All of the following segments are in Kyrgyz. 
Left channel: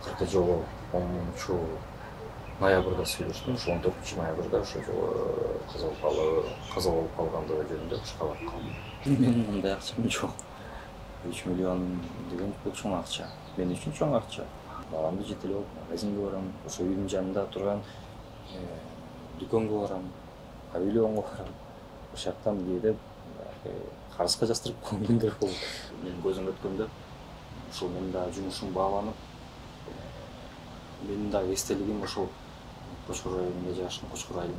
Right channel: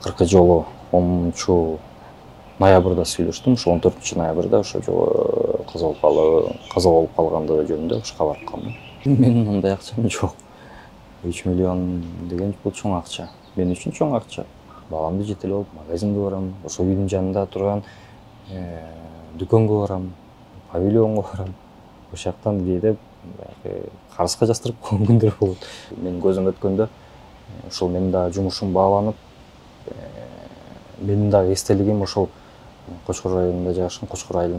акыркы жолу 10-ноябрда сүйлөштүм. Ошо 14-ноябрда ошо жолу каза болуп калгандыгы жөнүндө ошко барып калдым. Менин андай акчам жок. 3 миллион деген бул чоң акча. Мен үчүн чоң акча. Баламды жетелеп алып магазинге барам, ошо үйдүн жанында турган дүкөнгө барам, павильонго барам. Ошол жактан кээде карызга жастырып койгон күндөр болот. Менин көзүм өткөндө ошол менин дагы жумушум бааланып, менин дагы эстелигим ошол Кочкор айылында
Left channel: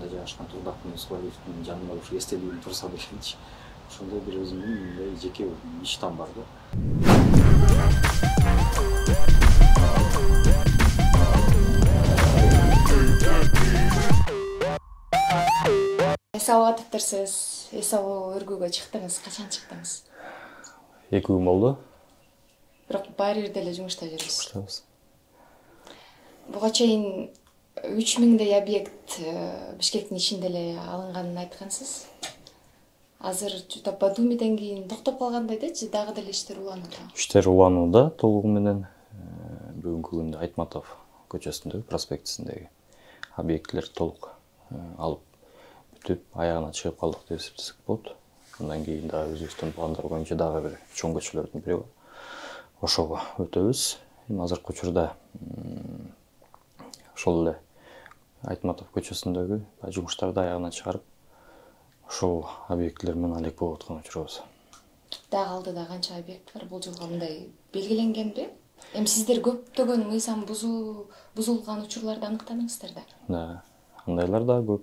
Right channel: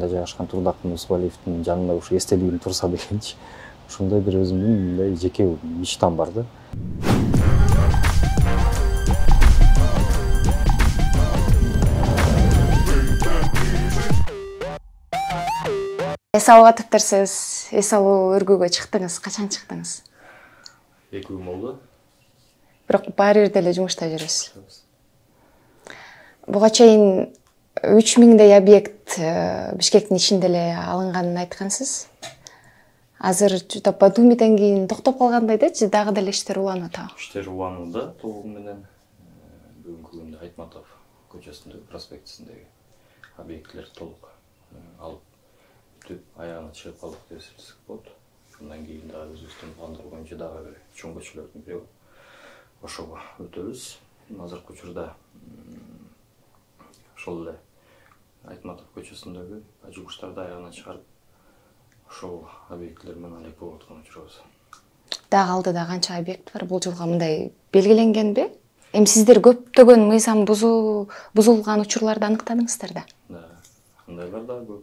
жайгашкан Турдак Мусбалиевдин жанында ушу эстелигим турса дегенчи. Ошондой бир өзүмдүн мындай жеке мечтам бар да. Эс алып атыптырсыз. Эс алуу өргүүгө чыктыңыз. Качан чыктыңыз? 2 күн болду. Бирок баары бир деле жумушта жүрөсүз. Буга чейин 3000дей объект Бишкектин ичинде эле алынганын айткансыз. Азыр жута Батумиден кийин токтоп калгандай дечи, дагы деле иштер уланып атабы? Иштер уланууда толугу менен. Бүгүнкү күндө Айтматов көчөсүндөгү проспектисиндеги объекттер толук алып бүтүп аягына чыгып калдык деп эсептесек болот. Андан кийин дагы өзүбүздүн пландар боюнча дагы бир чоң көчөлөрдүн бири ошого өтөбүз. Азыркы учурда ошол эле Айтматов көчөсүндөгү жумуштарды аягына чыгарып, ошол объекттер менен алек болуп аткан учурубуз. Дагы алдыда канча объект бар? Бул жылга мындай белгиленгенби? Эми сиздер көптөгөн мыйзам бузулган учурларды аныктадыңыздар да? Да, андайлар да көп.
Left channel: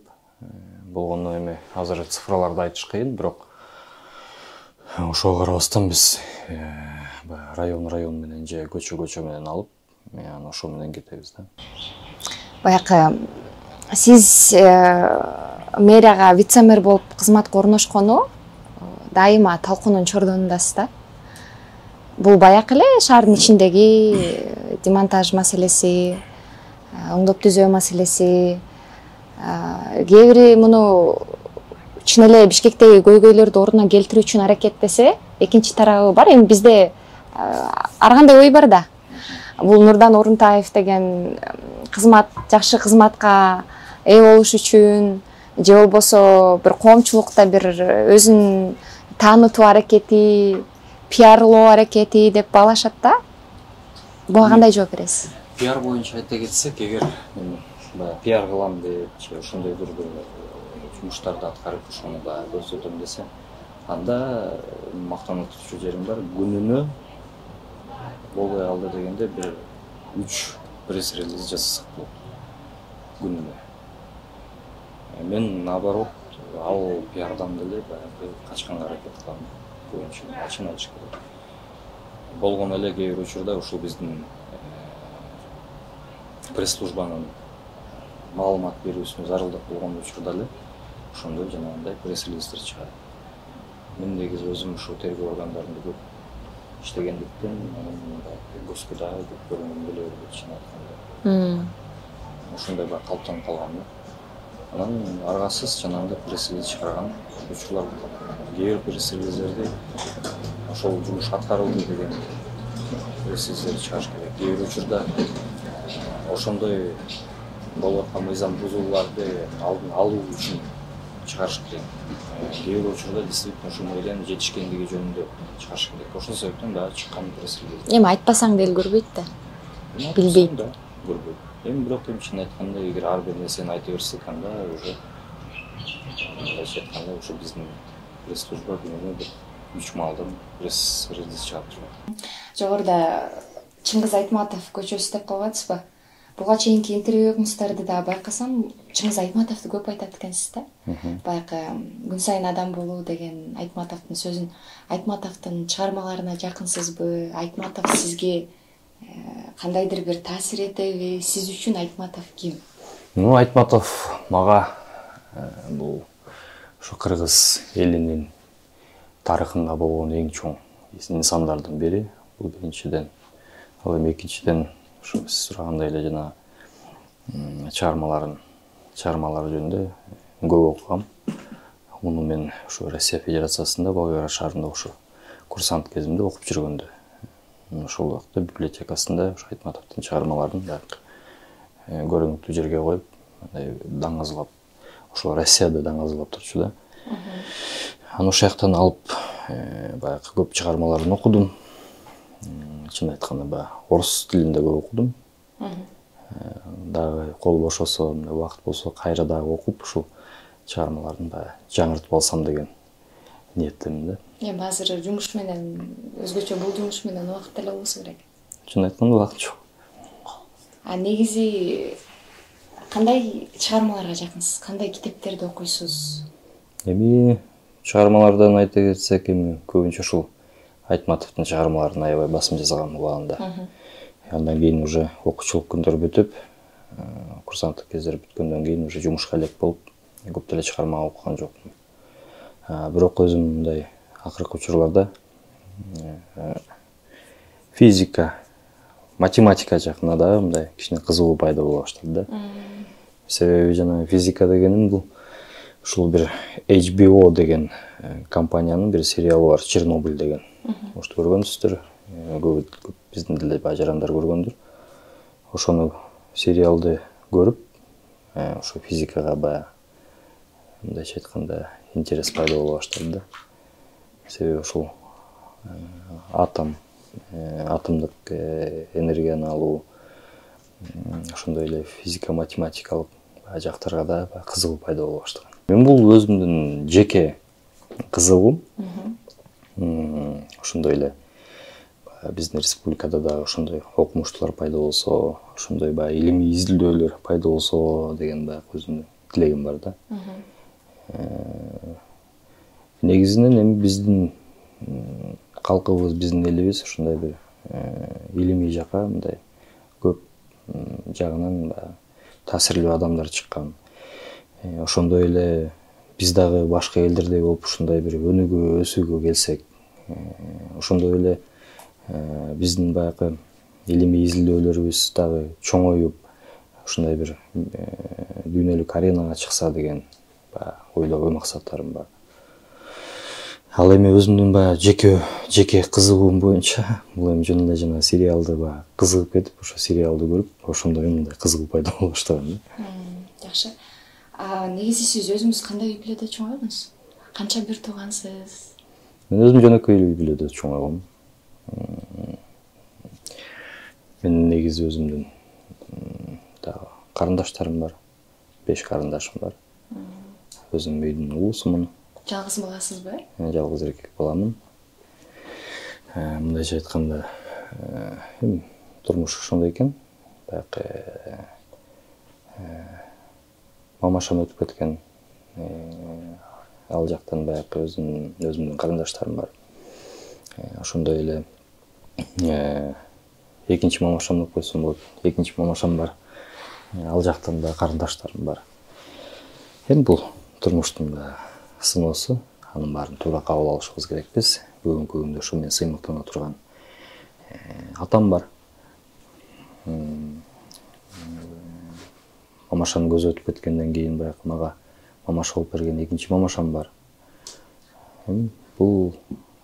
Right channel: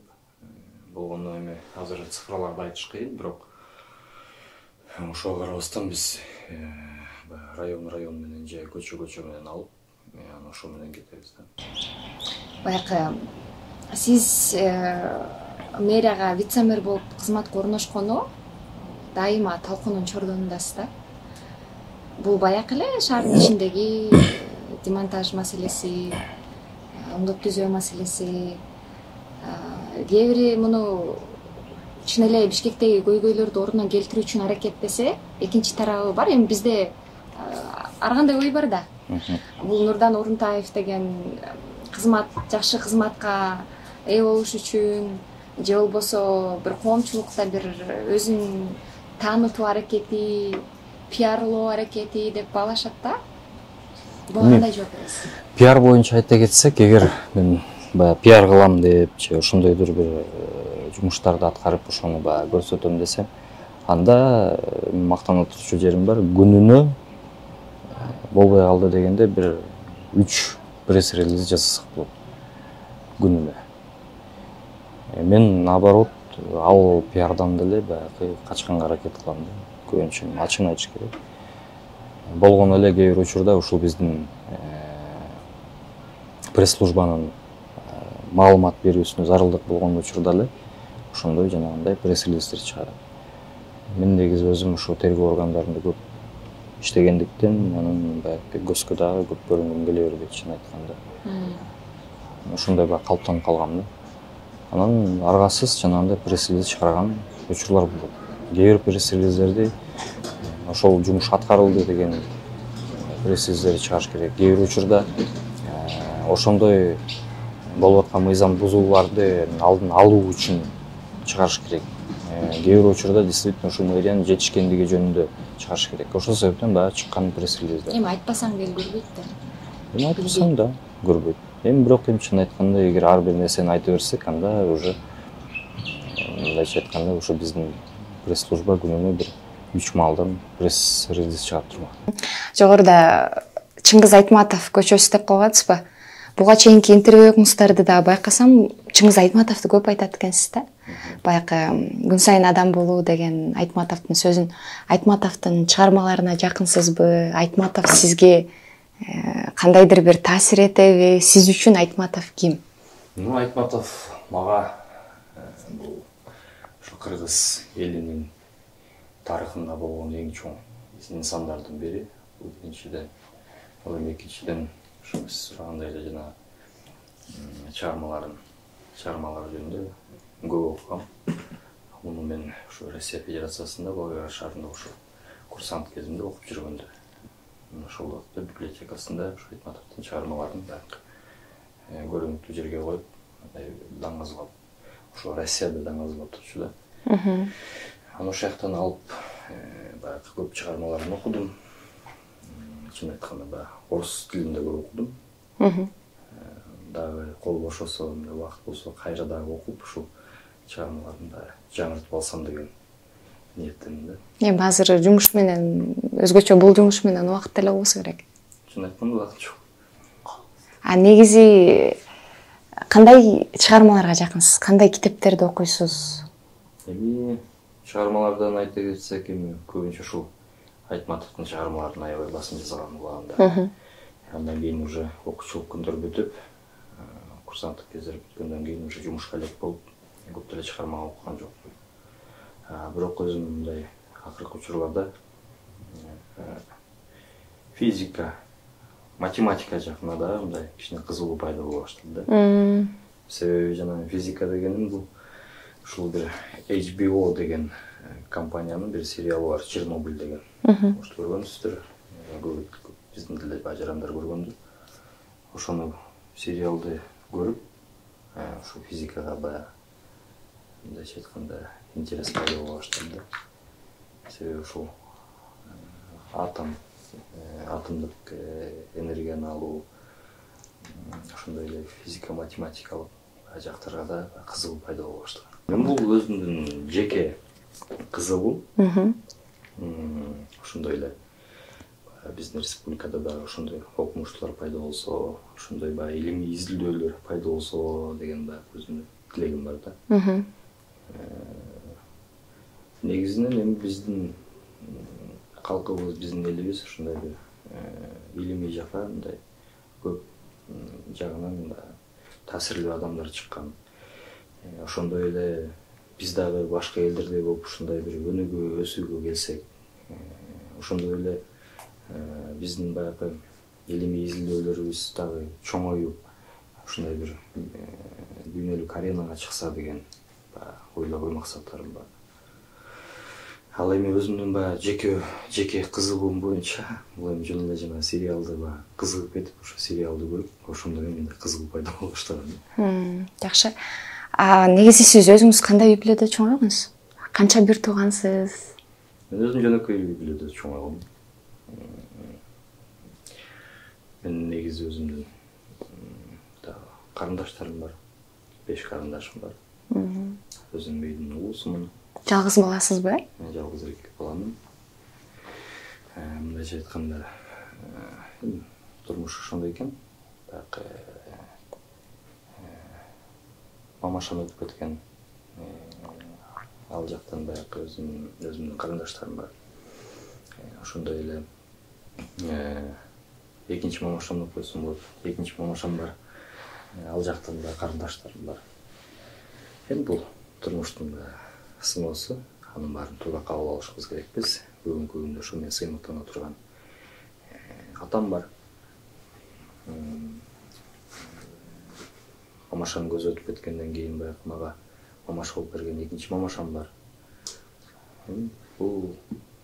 Болгону эми азыр цифраларды айтыш кыйын, бирок ошого карабастан биз район менен же көчө менен алып, анан ошо менен кетебиз да. Баякы сиз мэрияга вице-мэр болуп кызматка орношкону дайыма талкуунун чордонундасыз да. Бул баякы эле шаардын ичиндеги демонтаж маселеси, оңдоп түзөө маселеси, кээ бири муну чын эле Бишкектеги көйгөйлөрдү ордуна келтирүү үчүн аракеттесе, экинчи тарабы бар. Эми бизде ар кандай ой бар да. Бул Нурдан Орунтаев деген жакшы кызматка ээ болуш үчүн же болбосо бир коомчулукта бир өзүн таанытуу аракети, пиарлоо аракети деп баалашат да. Буга кандай жооп бересиз? Пиар боюнча айта кетсек, эгер мен баягы пиар кылам деп же ошондойдур бир жумуштарды аткарып ошону баягы көрсөтөм десем, анда мактана турчу жерим бар. Күнүнө болбой калды дегенде бир 3 пресс-релиз жасасак болот. Күнүнө. Мен наоборот, ал пиардан деле баягы качканга аракет кылам. Көбүнчө ачык айтыш керек. Болгону эле кээ бир учурда ушул биздин пресс-службанын маалымат берүүсүнө зарылдык болгон учурда эле ошондой жанагындай пресс-релиздер чыгат. Мен негизи өзүм ушу тергөө органдарында көп иштегендиктен, анын баягы көзгө дагы көп көрүнгүм келе бербейт, чын айтканда. Ошондой баягы калыптанып калгам да. Анан аргасыз жанагындай пресс-релиз чыгарган учурлар болот. Кээ бир пресс-релиздерди ошол жумуш аткарылды деген пресс-релиздерди чыгарыш керек. Кээ бир учурда ошондой болуп аткан мыйзам бузууларды алдын алуу үчүн чыгарыш керек. Кээ бир учурда действительно ушу мэриянын жетишкендиги жөнүндө чыгарыш керек. Ошол себептен дагы чыккан пресс-релиздер. Эми айтпасаң деле көрбөйт да. Билбейм да, көрбөйт. Эми бирок чын айтканда, эгер ар бир нерсени айта берсек, анда уже мындайча айтканда ушу биздин пресс-служба күнүнө бир 3 маалдан пресс-релиз чыгап турат. Жогоруда Чыңгыз Айтматов көчөсү деп койгонсузбу? Буга чейинки интервьюңуздарды да байкасам, Чыңгыз Айтматовду көп айтат экенсиз да. Баягы күн сайын адам болуу деген Айтматовдун сөзүн, Айтматовдун чыгармаларына жакынсызбы? Айтматов сизге кандайдыр бир таасир этеби? Сиз үчүн Айтматов ким? Айтматов мага бул ушу кыргыз элинин тарыхында болгон эң чоң инсандардын бири. Бул биринчиден. Ал эми экинчиден ушу сиз сурагандай эле жана чыгармалары жөнүндө көп окугам. Муну мен ушу Россия Федерациясында Болгара шаарында ушу курсант кезимде окуп жүргөндө ошол убакта библиотекасында ушу Айтматовдун чыгармаларын көрүнүктүү жерге коюп, даңазалап, ошол Россияда даңазалап турчу да. Аны ошол жактан алып, баягы көп чыгармаларын окудум. Чын айтканда, баягы орус тилинде көп окудум. Дагы кол бошосо, убакыт болсо кайра дагы окуп, ушул чыгармаларын баягы жаңыртып алсам деген ниеттемин да. Эми азыр жумуш менен, өзгөчө бул жумуш менен убакыт деле болбосо керек. Чын айтканда убакыт жок. А негизи кандай чыгармаларга жакынсыз? Кандай китептерди окуйсуз? Эми чыгармалардан айта кетсек, эми көбүнчө ушул Айтматовдун чыгармаларын аябай басым жасаган убагында. Андан кийин уже окуучулук күндөр бүтүп, курсанттык кездер бүткөндөн кийин уже жумушка элек болуп, көп деле чыгарма окуган жокмун. Бирок өзүм мындай акыркы учурларда физика, математика жакына да мындай кичине кызыгуу пайда боло баштады да. Себеби жана физика дегеним бул ушул бир HBO деген компаниянын бир сериалы бар, Чернобыль деген. Может, көргөнсүздөр, көп биздин деле бажарандар көргөндүр. Ошону сериалды көрүп, ошо физикага баягы мындайча айтканда интерес пайда боло баштады да. Себеби ушул атомдук энергияны алуу, ошондой эле физика, математикалык жактарга да кызыгуу пайда боло баштаган. Мен бул өзүмдүн жеке кызыгуум. Ошондой эле биздин республикада да ошондой окумуштуулар пайда болсо, ошондой баягы илимий изилдөөлөр пайда болсо деген баягы өзүмдүн тилегим бар да. Негизинен эми биздин калкыбыз, биздин элибиз ошондой бир илимий жакка мындай көп жагынан таасирлүү адамдар чыккан. Ошондой эле биз дагы башка элдердей болуп ушундай бир өнүгүү, өсүүгө келсек, ошондой эле биздин баягы илимий изилдөөлөрүбүз дагы чоңоюп, ушундай бир дүйнөлүк аренага чыкса деген ойдо ой максаттарым бар. Ал эми өзүмдүн баягы жеке кызыгуум боюнча бул эми жөн эле жана сериалды баягы кызыгып кетип, ошо сериалды көрүп, ошондо мындай кызыгуу пайда боло баштаган. Жакшы. Негизи сиз өзүңүз кандай үй бүлөдө чоңойгонсуз? Канча бир туугансыз? Мен өзүм жөнөкөй үй бүлөдө чоңойгом. Мен негизи өзүмдүн карындаштарым бар. 5 карындашым бар. Өзүм үйдүн улусумун. Жалгыз баласызбы? Жалгыз эркек баламын. Мындайча айтканда, турмуш ошондой экен. Баягы мамашам өтүп кеткен. Ал жактан баягы өзүмдүн карындаштарым бар. Ошондой эле экинчи мамашам деп койсом болот. Экинчи мамашам бар. Ал жактан да карындаштарым бар. Эми бул турмуштун сыноосу, анын баарын туура кабыл алышыбыз керекпиз. Бүгүнкү күндө ошо мен сыймыктана турган атам бар. Мамашанын көзү өтүп кеткенден кийин баягы мага мамаша болуп берген экинчи мамашам бар. Бул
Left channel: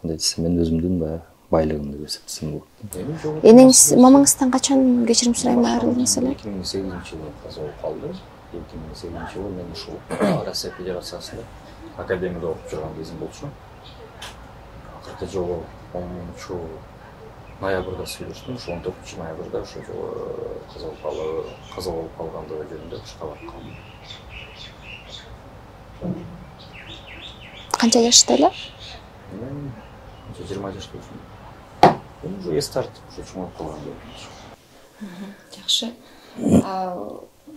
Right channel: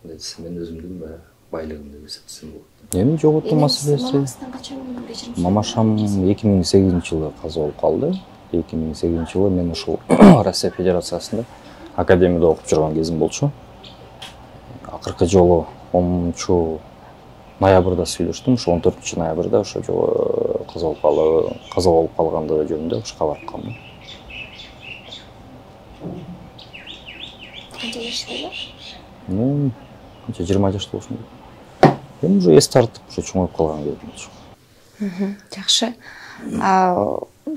мындай десем, мен өзүмдүн баягы байлыгым деп эсептесем болот. Эми жоготуу энеңиз мамаңыздан качан кечирим сурайм? Мамашам 2008-жылы каза болуп калды. 2008-жылы мен ушул Россия Федерациясында академияда окуп жүргөн кезим болчу. Акыркы жолу 10 ноябрда сүйлөштүм. Ошо 14 ноябрда ошо жолу каза болуп калгандыгы жөнүндө кабар алгам. Канча жашта эле? 20 жашта болсун. Эми уже эс тартып, уже чоңоюп калган болчу. Жакшы.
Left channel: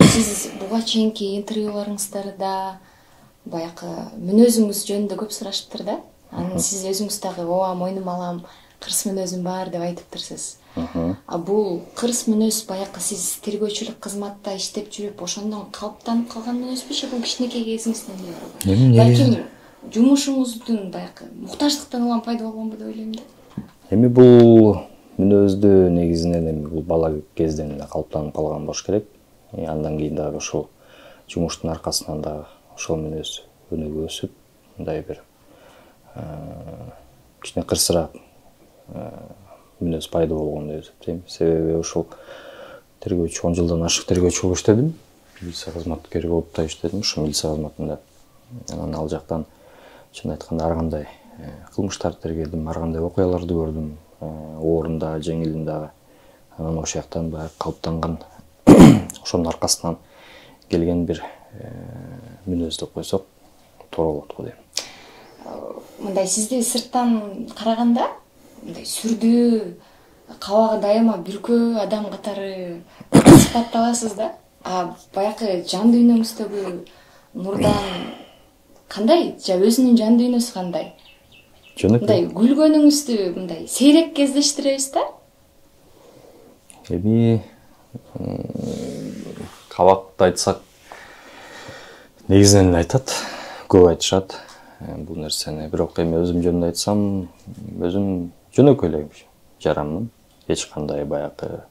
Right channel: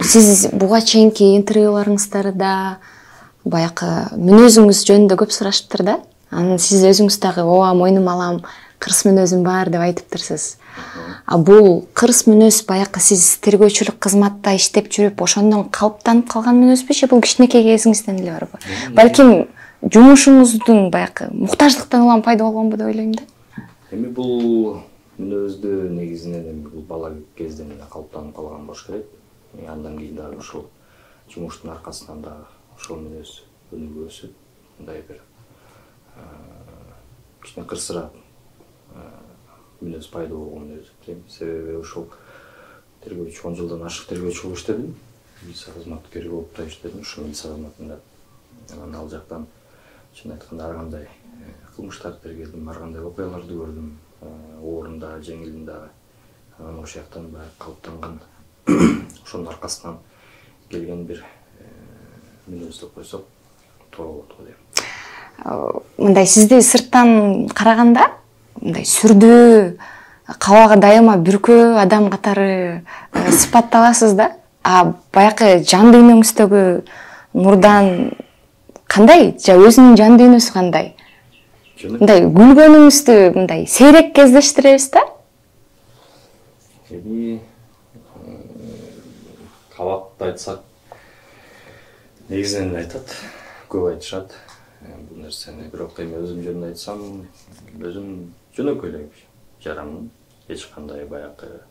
Сиз буга чейинки интервьюларыңыздарда баягы мүнөзүңүз жөнүндө көп сурашыптыр да. Анан сиз өзүңүз дагы ооба мойнума алам, кырс мүнөзүм бар деп айтыптырсыз. Бул кырс мүнөз баягы сиз тергөөчүлүк кызматта иштеп жүрүп ошондон калыптанып калган мүнөзбү же бул кичинекей кезиңизден эле барбы? Балким жумушуңуздун баягы муктаждыктан улам пайда болгонбу деп ойлойм да. Эми бул мүнөздү негизинен эми бул бала кезден эле калыптанып калган болуш керек. Андан кийин дагы ошол жумуштун аркасынан дагы ошол мүнөз өнүгүп өсүп, мындай бир кичине кырсыраак мүнөз пайда болгон деп эсептейм. Себеби ушул тергөөчү 10 жылдан ашык тергөөчү болуп иштедим. Милиция кызматкери болуп да иштедим. Ушу милиция кызматында анан ал жактан чын айтканда ар кандай кылмыштарды тергедим, ар кандай окуяларды көрдүм, ооруну дагы, жеңилин дагы. Анан ошол жактан баягы калыптанган ошонун аркасынан келген бир мүнөз деп койсок туура болот го дейм. Мындай сизди сырттан караганда мындай сүрдүү, кабагы дайыма бүркөө адам катары сыпатталасыз да. А баягы жан дүйнөңүздөгү Нурдан кандай? Же өзүнүн жан дүйнөсү кандай? Мындай күлгөнүңүздү мындай сейрек кездештиребиз да? Эми кабакты айтсак, негизинен айтат, көп айтышат бул нерсени. Бирок эми өзүм жөнүндө айтсам, өзүм жөнөкөй эле жаранмын. Эч кандай баягы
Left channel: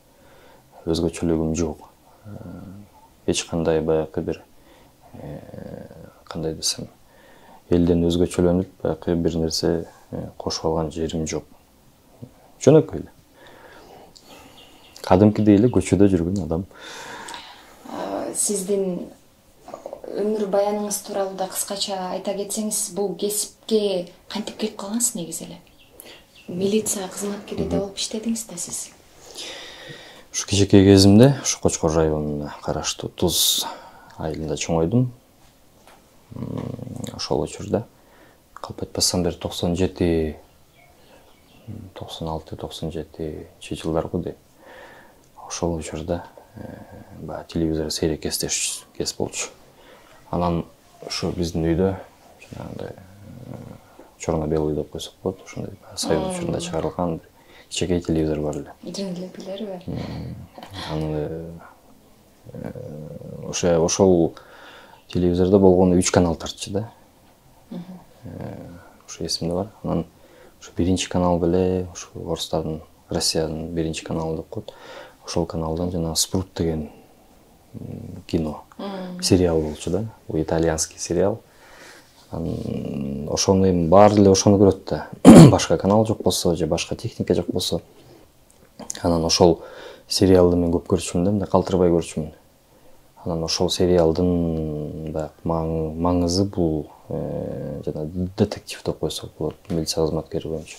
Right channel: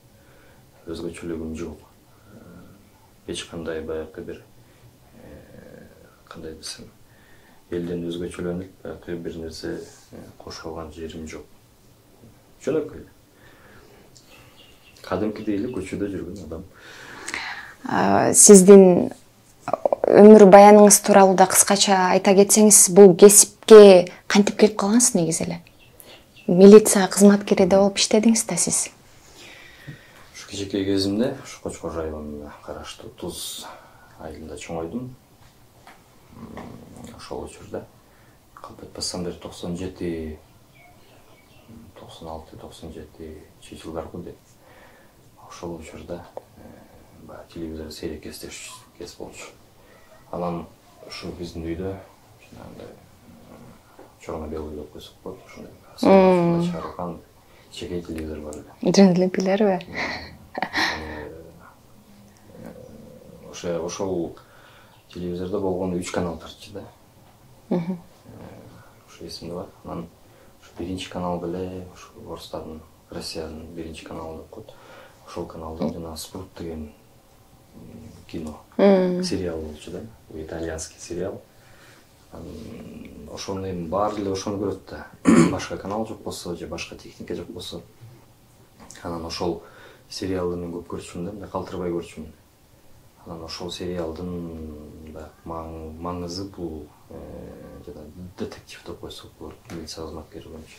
өзгөчөлүгүм жок. Эч кандай баягы бир кандай десем, элден өзгөчөлөнүп, баягы бир нерсе кошуп алган жерим жок. Жөнөкөй эле. Кадимкидей эле көчөдө жүргөн адам. Сиздин өмүр баяныңыз тууралуу да кыскача айта кетсеңиз, бул кесипке кантип келип калгансыз негизи эле? Милиция кызматкери да болуп иштедиңиз да сиз. Ушу кичинекей кезимде ушу Кочкор районуна караштуу Туз айылында чоңойдум. Ошол учурда калп айтпасам бир 96, 97 жылдаргы дейм. Ошол учурда баягы телевизор сейрек кес болчу. Анан ушу биздин үйдө жанагындай черно-белый деп койсок болот, ошондой совет учурунда чыгарылган кичинекей телевизор бар эле. Жөнүндө билерби? Ошол телевизордо болгону 3 канал тартчу да. Ушу эсимде бар. Анан ушу биринчи канал беле, ушу орустардын, Россиянын биринчи каналы деп коет. Ошол каналдан жана Спрут деген кино, сериал болчу да. Бул итальянский сериал. Ошону эми баары эле ошону көрөт да. Башка канал жок болсо же башка техника жок болсо. Анан ошол сериалды мен көп көрчүмүн да, мындай калтырбай көрчүмүн. Анан ошол сериалдын баягы маңызы бул жана детектив деп койсок болот, милиция кызматкери боюнча.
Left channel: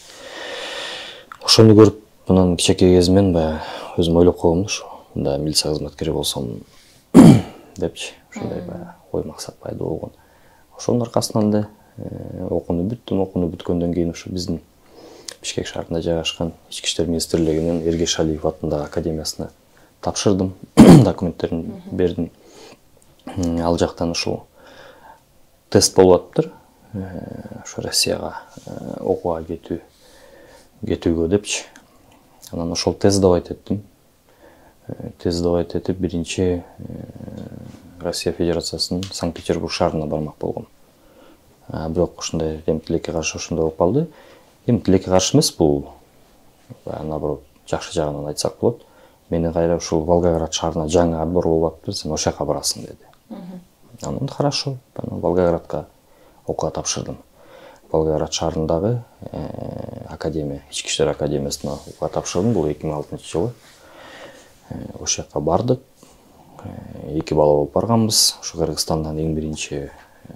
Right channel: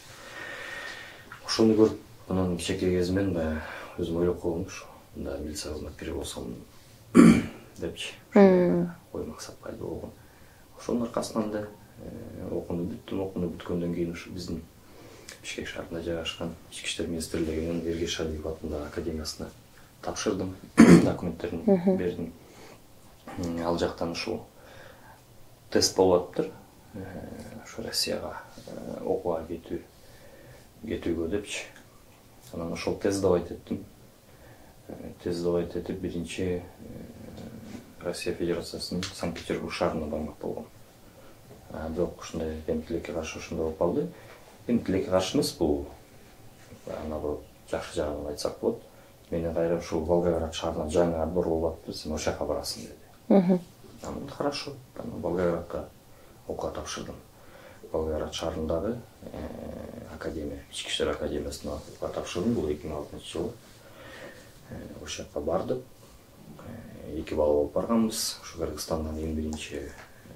Ошону көрүп, анан кичинекей кезимден баягы өзүм ойлоп койгом да, мындай милиция кызматкери болсом депчи. Ошондой ой максат пайда болгон. Ошонун аркасынан да окууну бүткөндөн кийин ушу биздин Бишкек шаарында жайгашкан Ички иштер министрлигинин Эргеш Алиев атындагы академиясына тапшырдым, документтерин бердим. Ал жактан ушул тест болуп атыптыр. Ушу Россияга окууга кетүүгө депчи. Анан ошол тест давать эттим. Тест давать этип биринчи Россия Федерациясынын Санкт-Петербург шаарына бармак болгом. Бирок ушундай эми тилекке каршы ошондой болуп калды. Эми тилекке каршы эмес, бул наоборот жакшы жагынан айтсак болот. Мени кайра ушул Волгоград шаарына жаңы отбор болуп атыптыр, сен ошол жака барасың деди. Анан хорошо, Волгоградка окууга тапшырдым. Волгоград шаарындагы академия, Ички иштер академиясына окууга тапшырдым. Бул 2006 жылы. Ошол жака бардык. 2 бала болуп барганбыз. Ушу Кыргызстандан эң биринчи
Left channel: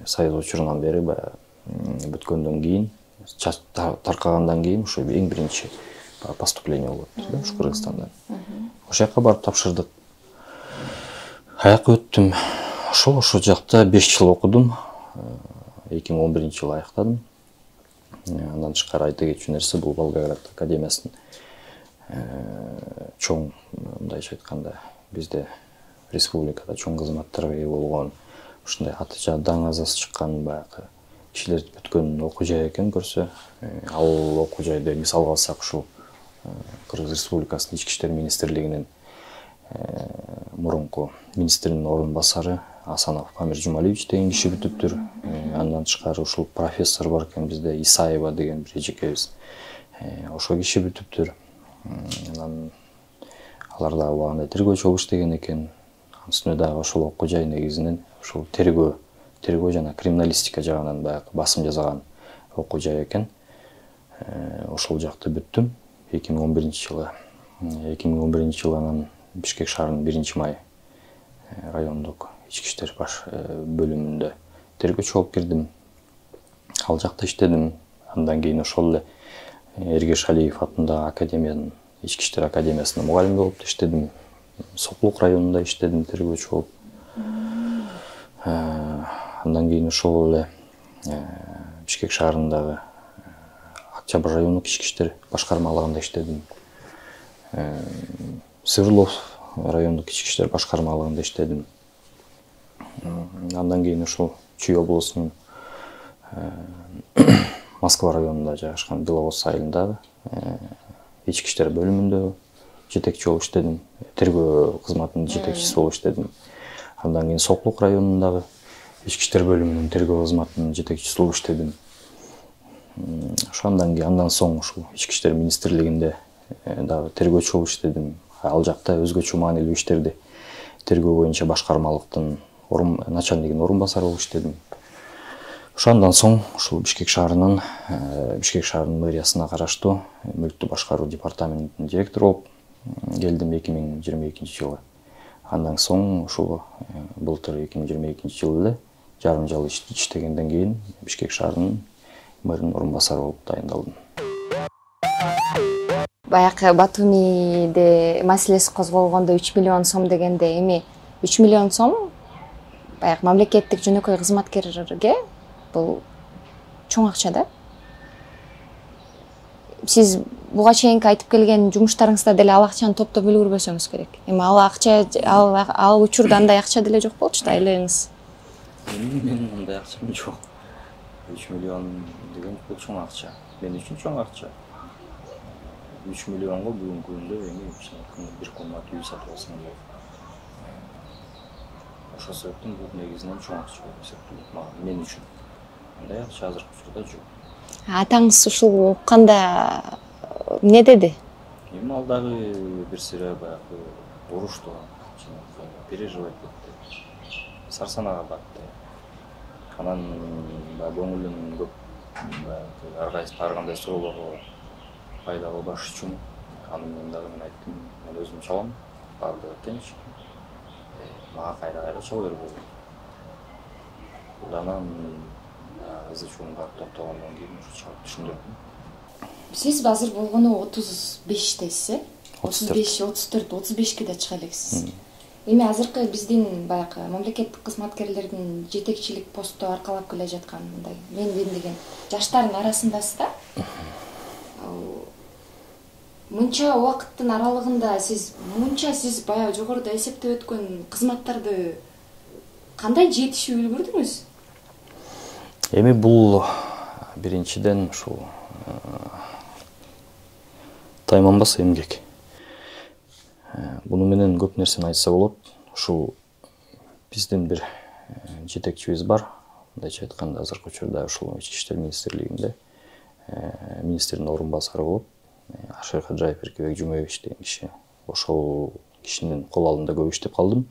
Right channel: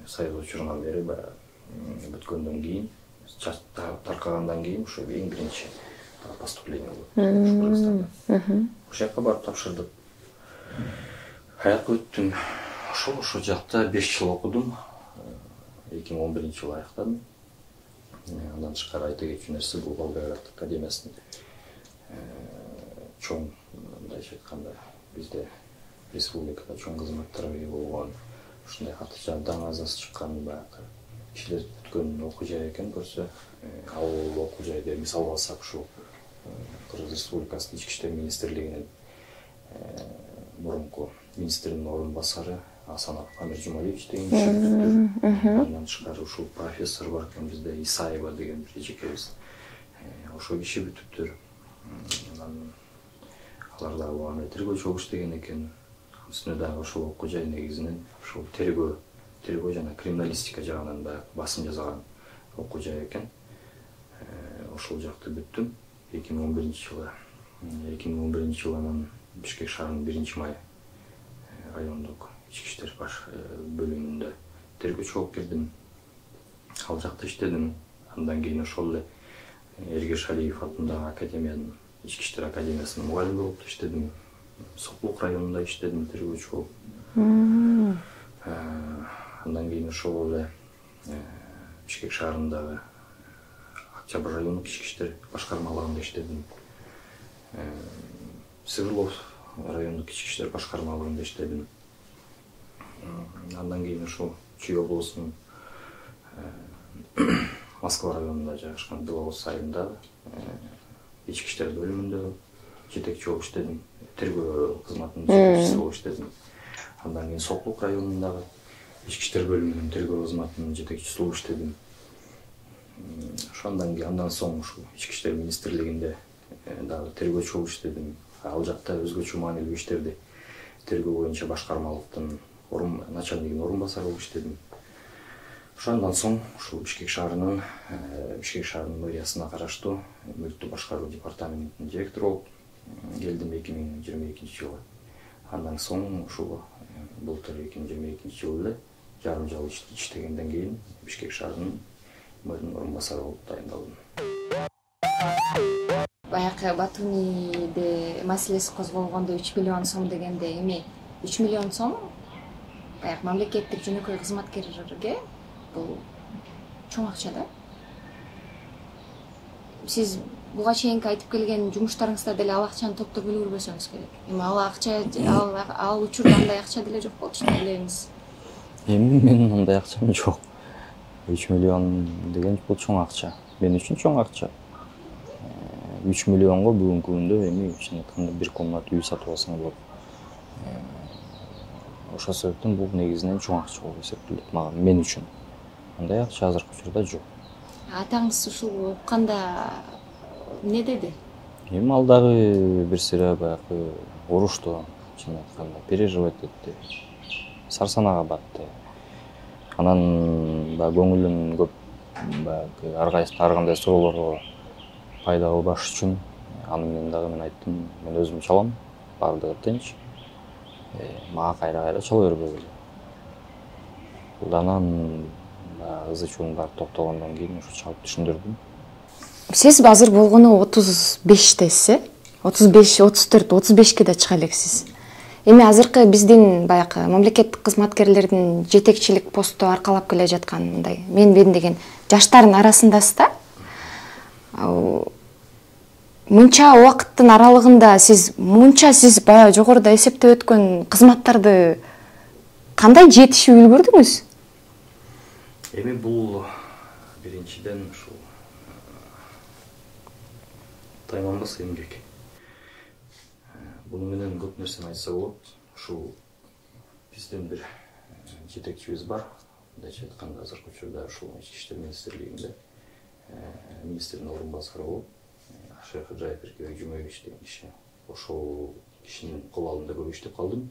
Союз учурунан бери бүткөндөн кийин, таркагандан кийин ушу эң биринчи поступление болот ушу Кыргызстандан. Ошол жака барып тапшырдык. Аяк өттүм. Ошол жакта 5 жыл окудум. 2011 жылы аяктадым. Андан тышкары айта кетчү нерсе, бул Волгоград академиясынын чоң, мындайча айтканда, бизде республикада чоң кызматтарга ээ болгон, ушундай аты даңазасы чыккан баягы кишилер бүткөн окуу жай экен көрсө, ал окуу жайды мисалга алсак, ушул Кыргыз Республикасынын Ички иштер министрлигинин мурунку министринин орун басары Асанов Памир Жумалиевич деген киши бүтүптүр. Андан тышкары ушул профессор бар экен бизде, Исаева деген бир эжекебиз. Ошол киши бүтүптүр. Анан алар дагы убагында тергөөчү болуп иштеген экен. Үстүнө дагы ошол окуу жай негизинен ушул тергөө жана криминалистика жагынан баягы басым жасаган окуу жай экен. Ошол жакты бүттүм. 2011 жылы. 2011 жылы анан Бишкек шаарынын 1 май райондук ички иштер баш бөлүмүндө тергөөчү болуп кирдим. Ал жакта иштедим. Андан кийин ошол эле Эргеш Алиев атындагы академиянын ички иштер академиясында мугалим болуп иштедим. Соклук районунда иштедим тергөөчү болуп. Андан кийин ошол эле Бишкек шаарындагы Октябрь райондук ички иштер башкармалыгында иштедим. Свердлов райондук ички иштер башкармалыгында иштедим. Андан кийин ошол Чүй облусунун Москва районунда жайгашкан Беловоз айылындагы ички иштер бөлүмүндө жетекчи болуп иштедим. Тергөө кызматынын жетекчиси болуп иштедим. Андан кийин Соклук районундагы ички иштер бөлүмүнүн тергөө кызматынын жетекчиси болуп иштедим. Ошондон кийин андан соң ушул ички иштер министрлигинде дагы тергөөчү болуп иштедим. Ал жакта өзгөчө маанилүү иштерди тергөө боюнча башкармалыктын начальнигинин орун басары болуп иштедим. Ошондон соң ушул Бишкек шаарынын мэриясына караштуу мүлктү башкаруу департаментинин директору болуп келдим 2022 жылы. Андан соң ушул былтыр 2022 жылы эле жарым жыл иштегенден кийин Бишкек шаарынын мэринин орун басары болуп дайындалдым. Баягы Батумиде маселеси козголгондо 3 миллион сом дегенде эми 3 миллион сом баягы мамлекеттик жөнөкөй кызматкерлерге бул чоң акча да. Сиз буга чейинки айтып келген жумуштарыңызда деле ал акчаны топтоп үлгүрбөсөңүз керек. Эми ал акча ал учурда андай акча деле жок болчу да айлыгыңыз. Эми менин андай акчам жок. 3 миллион деген бул чоң акча. Мен үчүн чоң акча. 3 миллионго бүгүнкү күндө эми чын айтканда бир комнат үй сатып алсаң болот. Ошол себептен бул негизинен чоң акча болуп эсептелет мен үчүн. Андай акча азыркы учурда жок. Атаңыз ушул укканда эмне деди? Эми ал дагы бир сыйра баягы урушту, чын айтканда переживать этти. Сарсанага батты. Анан баягы көңүлүн көп баягы ар кандай суроолорго пайда кылбаш үчүн аны дагы мен айттым, мен өзүм чалам, баардыгы тынч. Мага кайра чала бербөгүл. Анан ызы-чуун барып токтогондон кийин ушу чалып түшүндүрдүм. Сиз азыр болгону 35тесиз, 35, 34, 35ке да чыга элексиз. Эми азыркы биздин баягы мамлекеттик кызматкерлердин жетекчилик посту аркалап келе жаткан мындай мен деген жаштардын арасындасыз да. Мынча убакыттын аралыгында сиз баягы жогоруда эсептеп өткөн кызматтарды кандай жетишип үлгүрдүңүз? Эми бул биринчиден ушул тайманбас эмгек. Буну менен көп нерсени айтса болот. Ушул биздин бир жетекчибиз бар. Мындайча айтканда азыркы учурда ушул ички иштер министрлигинде министрдин орун басары болуп Ашер Хаджаев Эркебек Жумабекович деген киши. Ошол кишинин кол алдында көп иштеп калдым.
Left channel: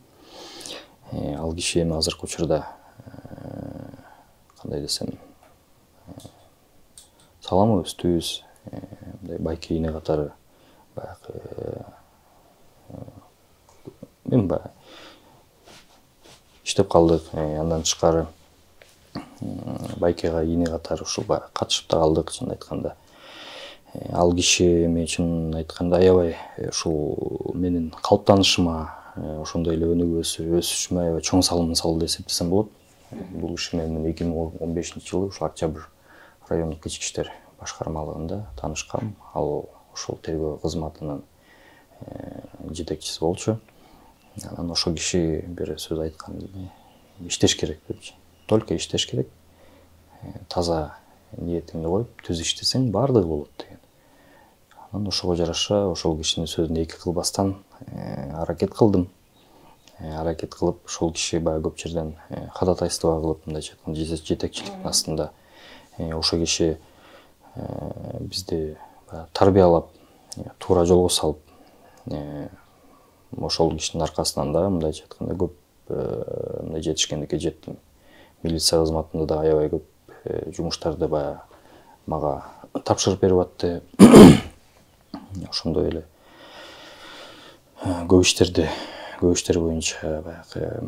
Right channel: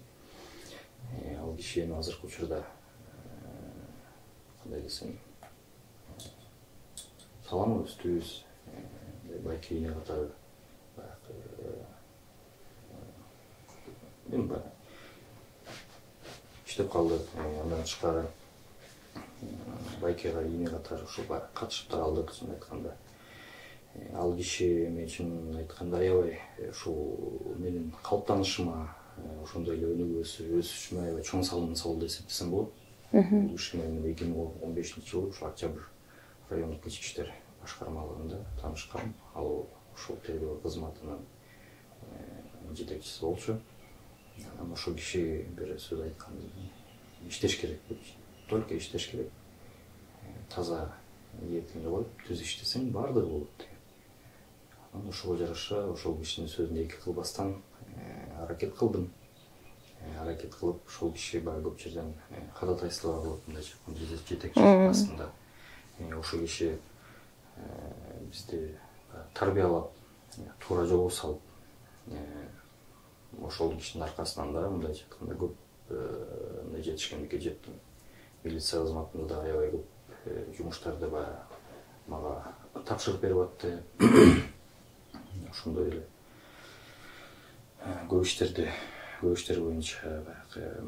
Ал киши эми азыркы учурда кандай десем саламыбыз түз, мындай байке ийне катары баягы мен иштеп калдык. Андан тышкары байкега ийне катары ушул катышып да калдык чын айтканда. Ал киши эми чын айтканда аябай ушул менин калыптанышыма, ошондой эле өсүшүмө аябай чоң салым салды деп эсептесем болот. Бул киши менен 2015 жылы ушул Октябрь райондук ички иштер башкармалыгында таанышкам. Ал ушул тергөө кызматынын жетекчиси болчу. Анан ошол киши бир сөз айткан, иштеш керек депчи. Только иштеш керек. Таза ниетиңди коюп, түз иштесең баардыгы болот деген. Анан ошого жараша ошол кишинин сөзүн эки кылбастан аракет кылдым. Аракет кылып, ошол киши баягы көп жерден ходатайство кылып, мындайча айтканда жетекчилик астында ошол киши бизди тарбиялап, туура жолго салып, ошол кишинин аркасынан да мындайча айтканда көп мындай жетишкендикке жеттим. Милиция кызматында да аябай көп жумуштарды баягы мага тапшырып берип атты. ошондой эле көп иштер боюнча баягы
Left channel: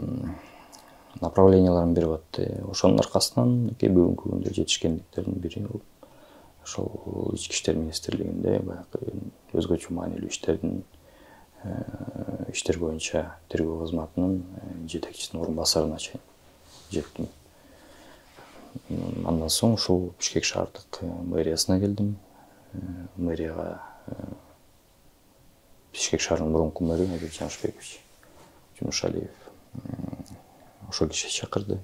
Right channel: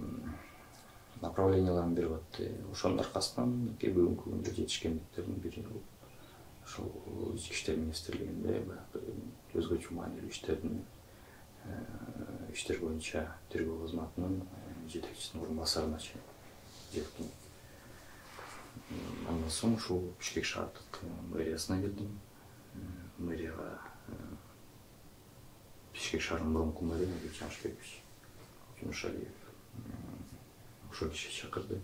направленияларын берип атты. Ошонун аркасынан бүгүнкү күндө жетишкендиктердин бири ошол ички иштер министрлигинде баягы өзгөчө маанилүү иштер боюнча тергөө кызматынын жетекчисинин орун басарына чейин жеттим. Андан соң ушул Бишкек шаардык мэриясына келдим. Мэрияга Бишкек шаарынын мурунку мэрі Айбек Жамшбекович Жумушалиев ошол киши чакырды,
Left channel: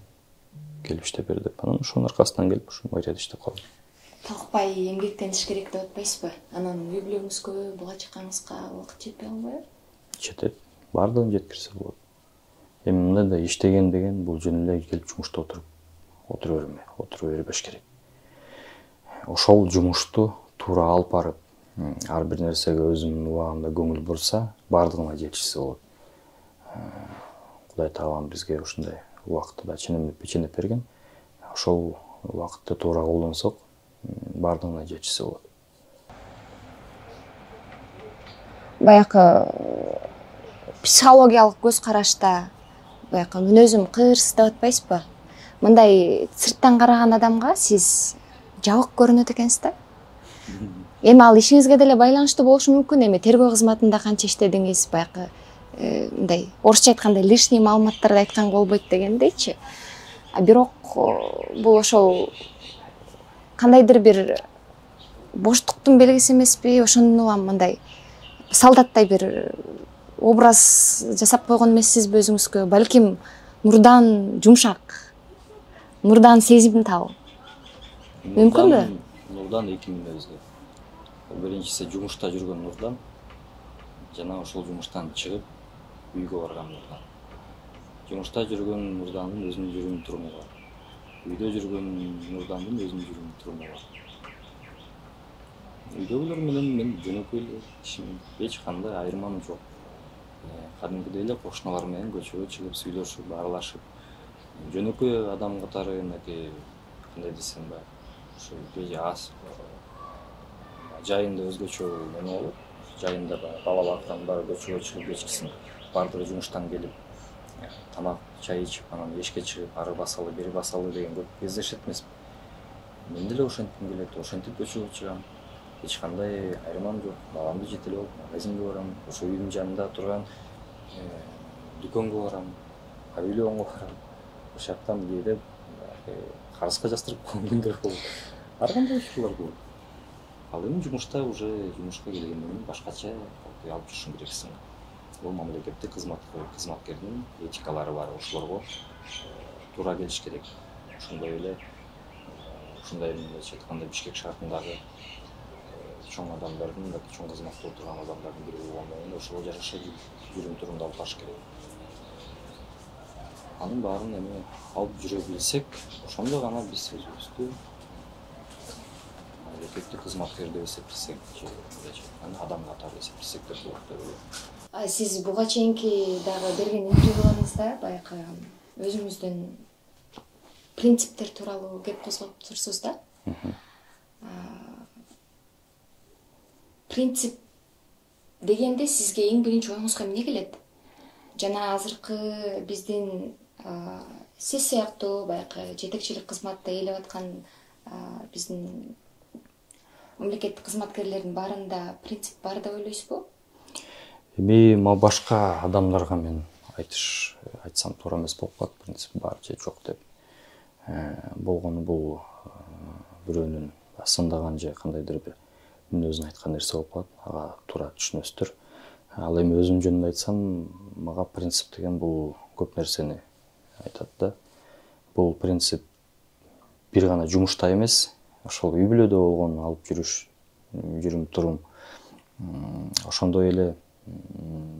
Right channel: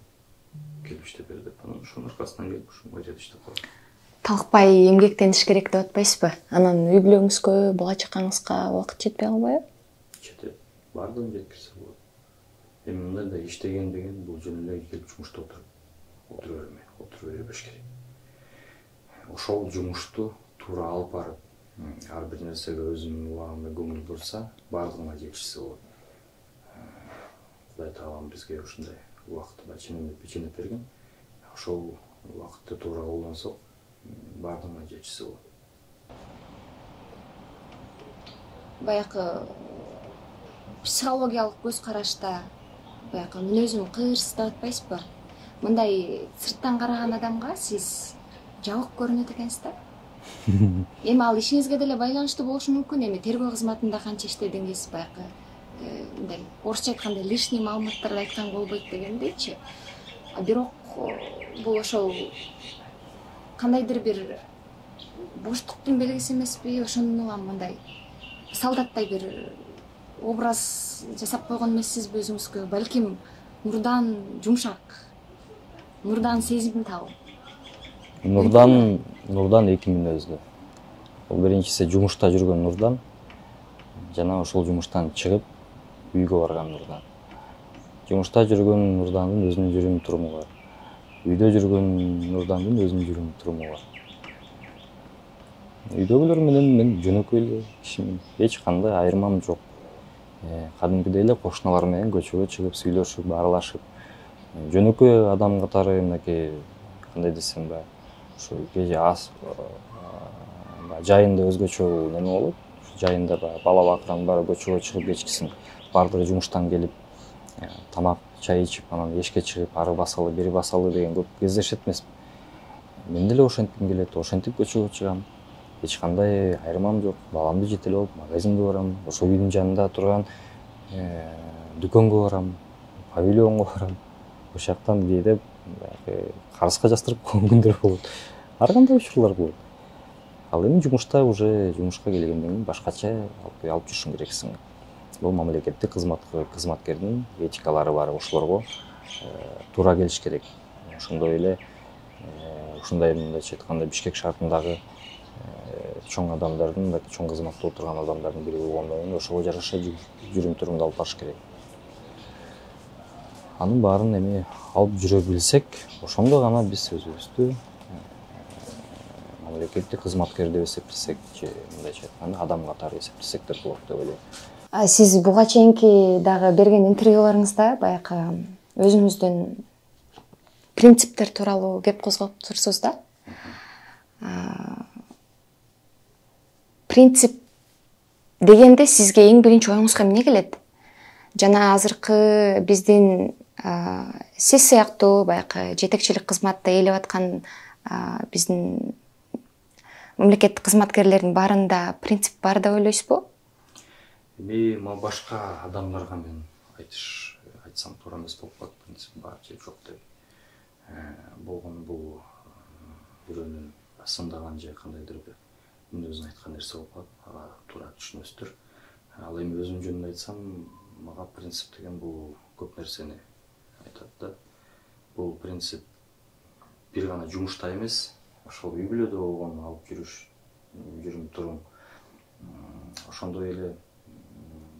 келип иштеп бер деп. Анан ошонун аркасынан келип ушу мэрияда иштеп калдым. Талкпай эмгектениш керек деп атпайсызбы? Анан үй бүлөңүзгө, бала чакаңызга убакыт жетпей калбайбы? Жетет. Бардыгын жеткирсе болот. Эми мындай да иштеген деген бул жөн эле келип жумушта отура бербеш керек. Ошол жумушту туура алып барып, ар бир нерсеге өзүнүн убагында көңүл бурса, бардыгына жетишсе болот. Кудай таалам бизге ушундай убакытты да ченеп берген. Ошол убакытты туура колдонсок, бардыгына жетишсе болот. Баягы психологиялык көз карашта баягы мүнөзүм кырс деп атпайсызбы? Мындай сырттан караган адамга сиз жабык көрүнөт экенсиз да? Эми ал ишиңизге деле байланыштуу болушу мүмкүн. Эми тергөө кызматында канча иштедиңиз, баягы мындай орусча айтканда лишний маалыматтарды айтканга болбойт дегендейчи. Бирок бул ошол кандайдыр бир боштуктун белгиси эмеспи? Ошондон улам мындай солдаттай бир образ жасап койгон эмессизби өзүңүзгө? Балким нурдан жумшак, нурдан сезимтал. Нурдан эки мүнөздүү. Биринчиси жумушта жүргөн Нурдан, жана ошол жумуштан чыгып үйгө барган Нурдан. Жумушта жүргөн Нурдандын өзүнүн жүрүм туруму бар. Үйдө жүргөн Нурдандын өзүнүн жүрүм туруму бар. Үйдөгүлөр менен мен жөнөкөй эле кишимин. Эч кандай айырмам жок. Кадимкидей эле кошуналар менен көчөгө чыгып сүйлөшүп, аралашып, жөнөкөй адам катары мынакей кандай десем баягы ушу жайында өзгөчө неме болот. Жайында бала бакырам баары көчөгө чыгып кечкисин баардыгы жумуштан келип тамак, чай ичип, анан эшикке чыгып ары басалы, бери басалы деген көп кездешет эмеспи. Мен деле ошентким келет, ошентип көчөгө чыгам. Эч кандай айырмам жок. Баламды жетелеп алып магазинге барам, ошол үйдүн жанында турган дүкөнгө барам, павильонго барам. Ошол жактан кээде карызга жастырып койгон күндөр болот. Ар кандай учурлар болот. Ал эми жумушта уже жумушка келгенден кийин башкача алып жүрүшүң керексиң. Бул мамлекеттик кызматкердин этикалары бар, ошолорго туура келиш керек. Ошондой эле ушундай мындайча айтканда Бишкек шаарындагы чоң адамдардын, чоң кызматта отурган адамдардын бири болгондон кийин ошого жараша жүрүм турумду алып барыш керек. Анын баарын эми алып жүрө билсек, ошондо гана биз өзүбүздү мамлекеттик кызматкер деп эсептесек, же мындайча айтканда адам катары эсептесек деп болот деп ойлойм. Сиз буга чейинки дагы берген интервьюларыңызда баягы өзүңүздүн принциптер тууралуу кеп козгоп турсуз да? Принцип дегенде сизге эң биринчи оюңузга эмне келет? Жана азыркы биздин сиз сыяктуу баягы жетекчилик кызматты ээлеп аткан биздин мамлекеттик кызматкерлердин баарында принцип бар деп ойлойсузбу? Эми башка адамдарга мен айтсам туура эмес болуп калат, принцип бар же жок деп. Болгону бул бирөөнүн сындаган же кандайдыр бир мүнөзүн айткан нерсе болуп калат. Ага туура түшүнөсүздөр. Ал эми өзүм жөнүндө айтсам, мага принцип деген бул көп нерсени айтат да. Бул принцип бир гана жумушта эмес, ошол үй бүлөдө болгон алып жүрүм турум. Ошондой эле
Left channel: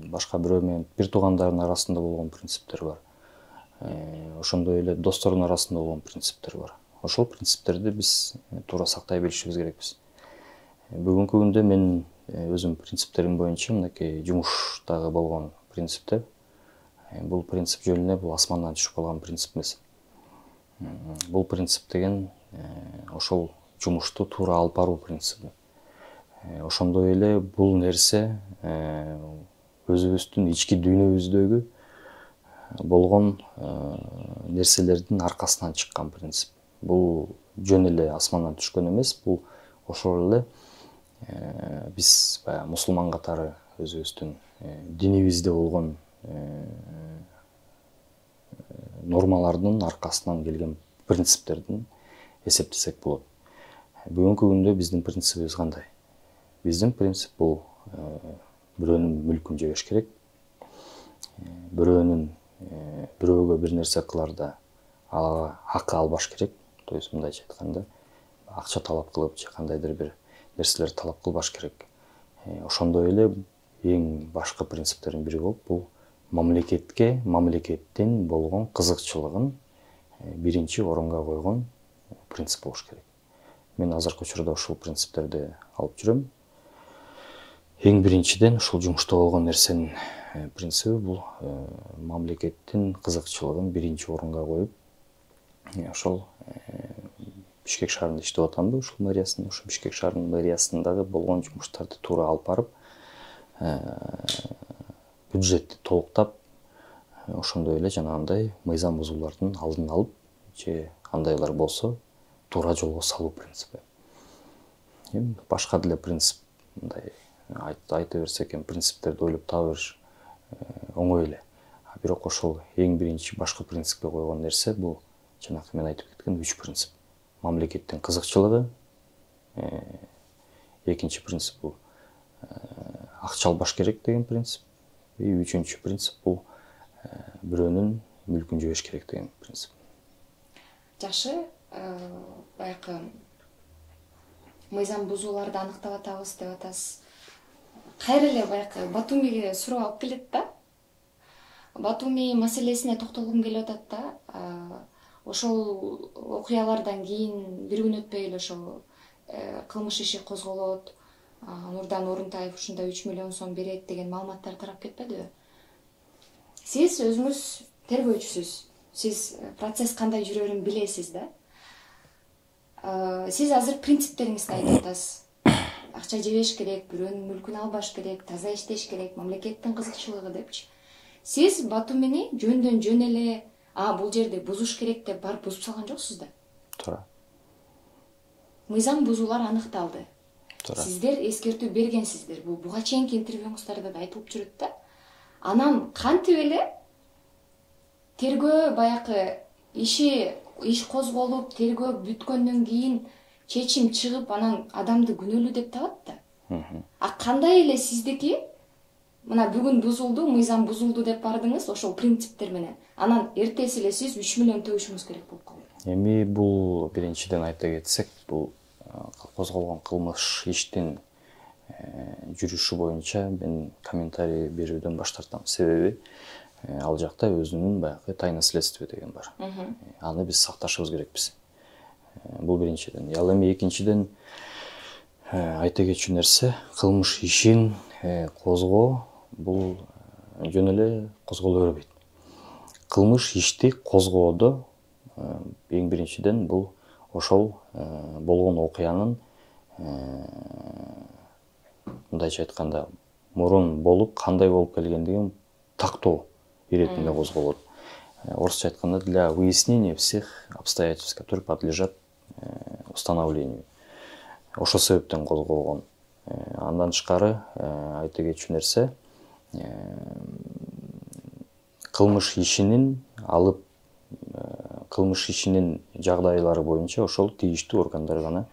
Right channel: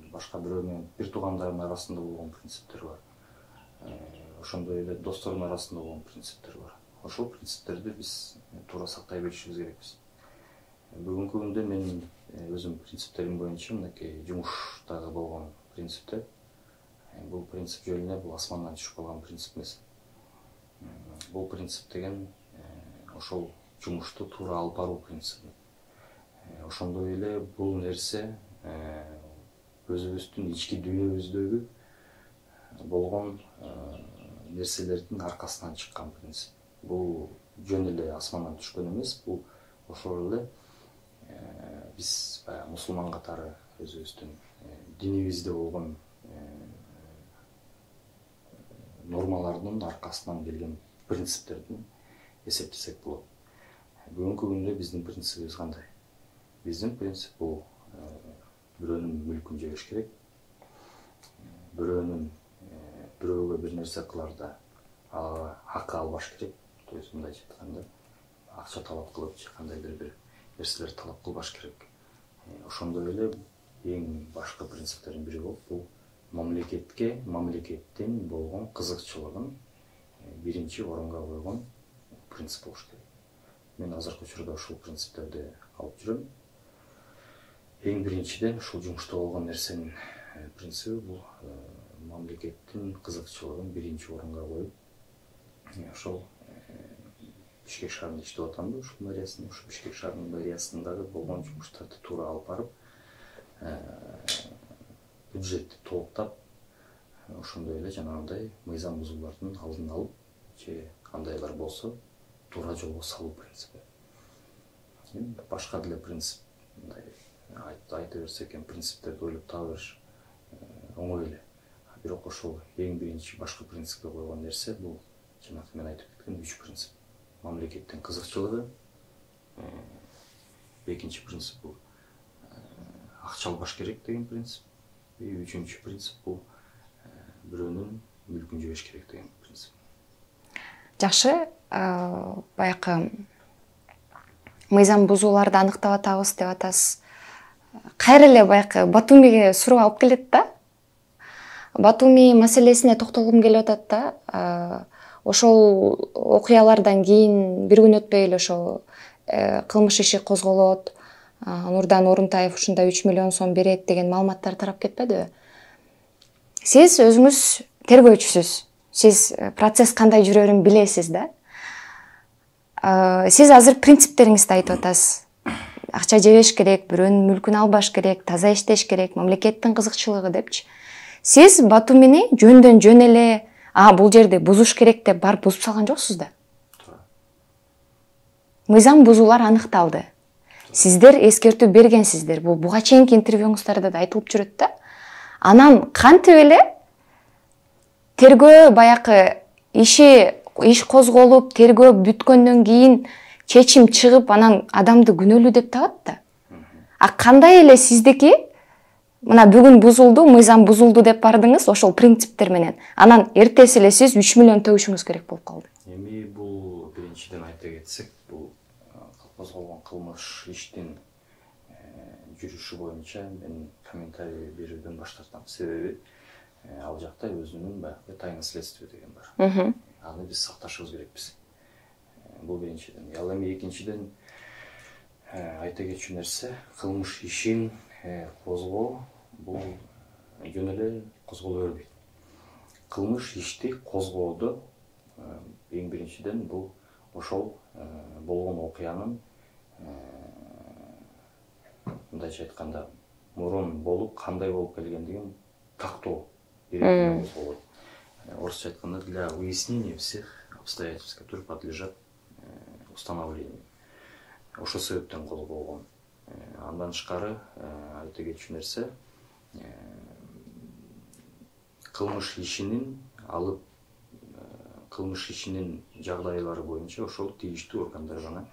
башка бирөө менен бир туугандардын арасында болгон принциптер бар. Ошондой эле достордун арасында болгон принциптер бар. Ошол принциптерди биз туура сактай билишибиз керекпиз. Бүгүнкү күндө мен өзүм принциптерим боюнча мынакей жумуштагы болгон принциптер, бул принцип жөн эле бул асмандан түшүп калган принцип эмес. Бул принцип деген ошол жумушту туура алып баруу принципи. Ошондой эле бул нерсе өзүбүздүн ички дүйнөбүздөгү болгон нерселердин аркасынан чыккан принцип. Бул жөн эле асмандан түшкөн эмес, бул ошол эле биз баягы мусулман катары өзүбүздүн динибизде болгон нормалардын аркасынан келген принциптердин эсептесек болот. Бүгүнкү күндө биздин принцибибиз кандай? Биздин принцип бул бирөөнүн мүлкүн жебеш керек, бирөөгө бир нерсе кыларда акы албаш керек. То есть мындайча айтканда, акча талап кылып же кандайдыр бир нерселерди талап кылбаш керек. Ошондой эле эң башкы принциптердин бири болуп, бул мамлекеттин болгон кызыкчылыгын биринчи орунга койгон принцип болуш керек. Мен азыркы учурда ушул принциптерди алып жүрөм. Эң биринчиден ушул жумушта болгон нерсенин принциби бул мамлекеттин кызыкчылыгын биринчи орунга коюп, ошол Бишкек шаарында иштеп атамбы, ушул мэриясында, ушул Бишкек шаарынын мэриясындагы болгон жумуштарды туура алып барып, бюджетти толуктап, ошондой эле жанагындай мыйзам бузуулардын алдын алып, же андайлар болсо туура жолго салуу принципи. Башка деле принцип, мындай айта берсек эми принциптерди ойлоп таба бериш оңой эле. Бирок ошол эң биринчи башкы принципке койгон нерсе бул жанакы мен айтып кеткен 3 принцип. Мамлекеттин кызыкчылыгы, экинчи принцип бул акча албаш керек деген принцип, үчүнчү принцип бул бирөөнүн мүлкүн жебеш керек деген принцип. Жакшы, баягы мыйзам бузууларды аныктап атабыз деп атасыз. Кайра эле баягы Батумиге суроо алып келет да. Батуми маселесине токтолгум келип атат да. Ошол окуялардан кийин бир күн өтпөй эле ошол кылмыш иши козголот. Нурдан Орунтаев ушундай 3 миллион сом берет деген маалыматтар тарап кетпедиби? Сиз өзүңүз тергөөчүсүз. Сиз процесс кандай жүрөрүн билесиз да. Сиз азыр принциптериңизди айтып атасыз. Акча жебеш керек, бирөөнүн мүлкүн албаш керек, таза иштеш керек, мамлекеттин кызыкчылыгы депчи. Сиз Батумини жөндөн жөн эле бул жерди бузуш керек деп барып бузуп салган жоксуз да. Туура. Мыйзам бузуулар аныкталды. Сиздер эскертүү бергенсиздер. Бул буга чейинки интервьюңуздарда да айтылып жүрөт да. Анан кантип эле тергөө баягы иш козголуп, тергөө бүткөндөн кийин чечим чыгып, анан адамды күнөөлүү деп табат да. Кандай эле сиздики мына бүгүн бузулду, мыйзам бузулду деп бардыңыз ошол принциптер менен. Анан эртеси эле сиз 3 миллион төгүшүңүз керек болуп калды. Эми бул биринчиден айта кетсек, бул козголгон кылмыш иштин жүрүшү боюнча мен комментарий берүүдөн баш тартам. Себеби ал жакта өзүнүн баягы тайна следствие деген бар. Аны биз сакташыбыз керекпиз. Бул биринчиден. Ал эми экинчиден айта кетчү нерсе, кылмыш ишин козгоо бул жөн эле козголо бербейт. Кылмыш ишти козгоодо эң биринчиден бул ошол болгон окуянын мындайча айтканда мурун болуп кандай болуп келгендигин тактоо иретинде козголот. Орусча айтканда для выяснения всех обстоятельств, которые подлежат установлению. Ошол себептен козголгон. Андан тышкары айта кетчү нерсе, кылмыш ишинин жагдайлары боюнча ошол тийиштүү органдар гана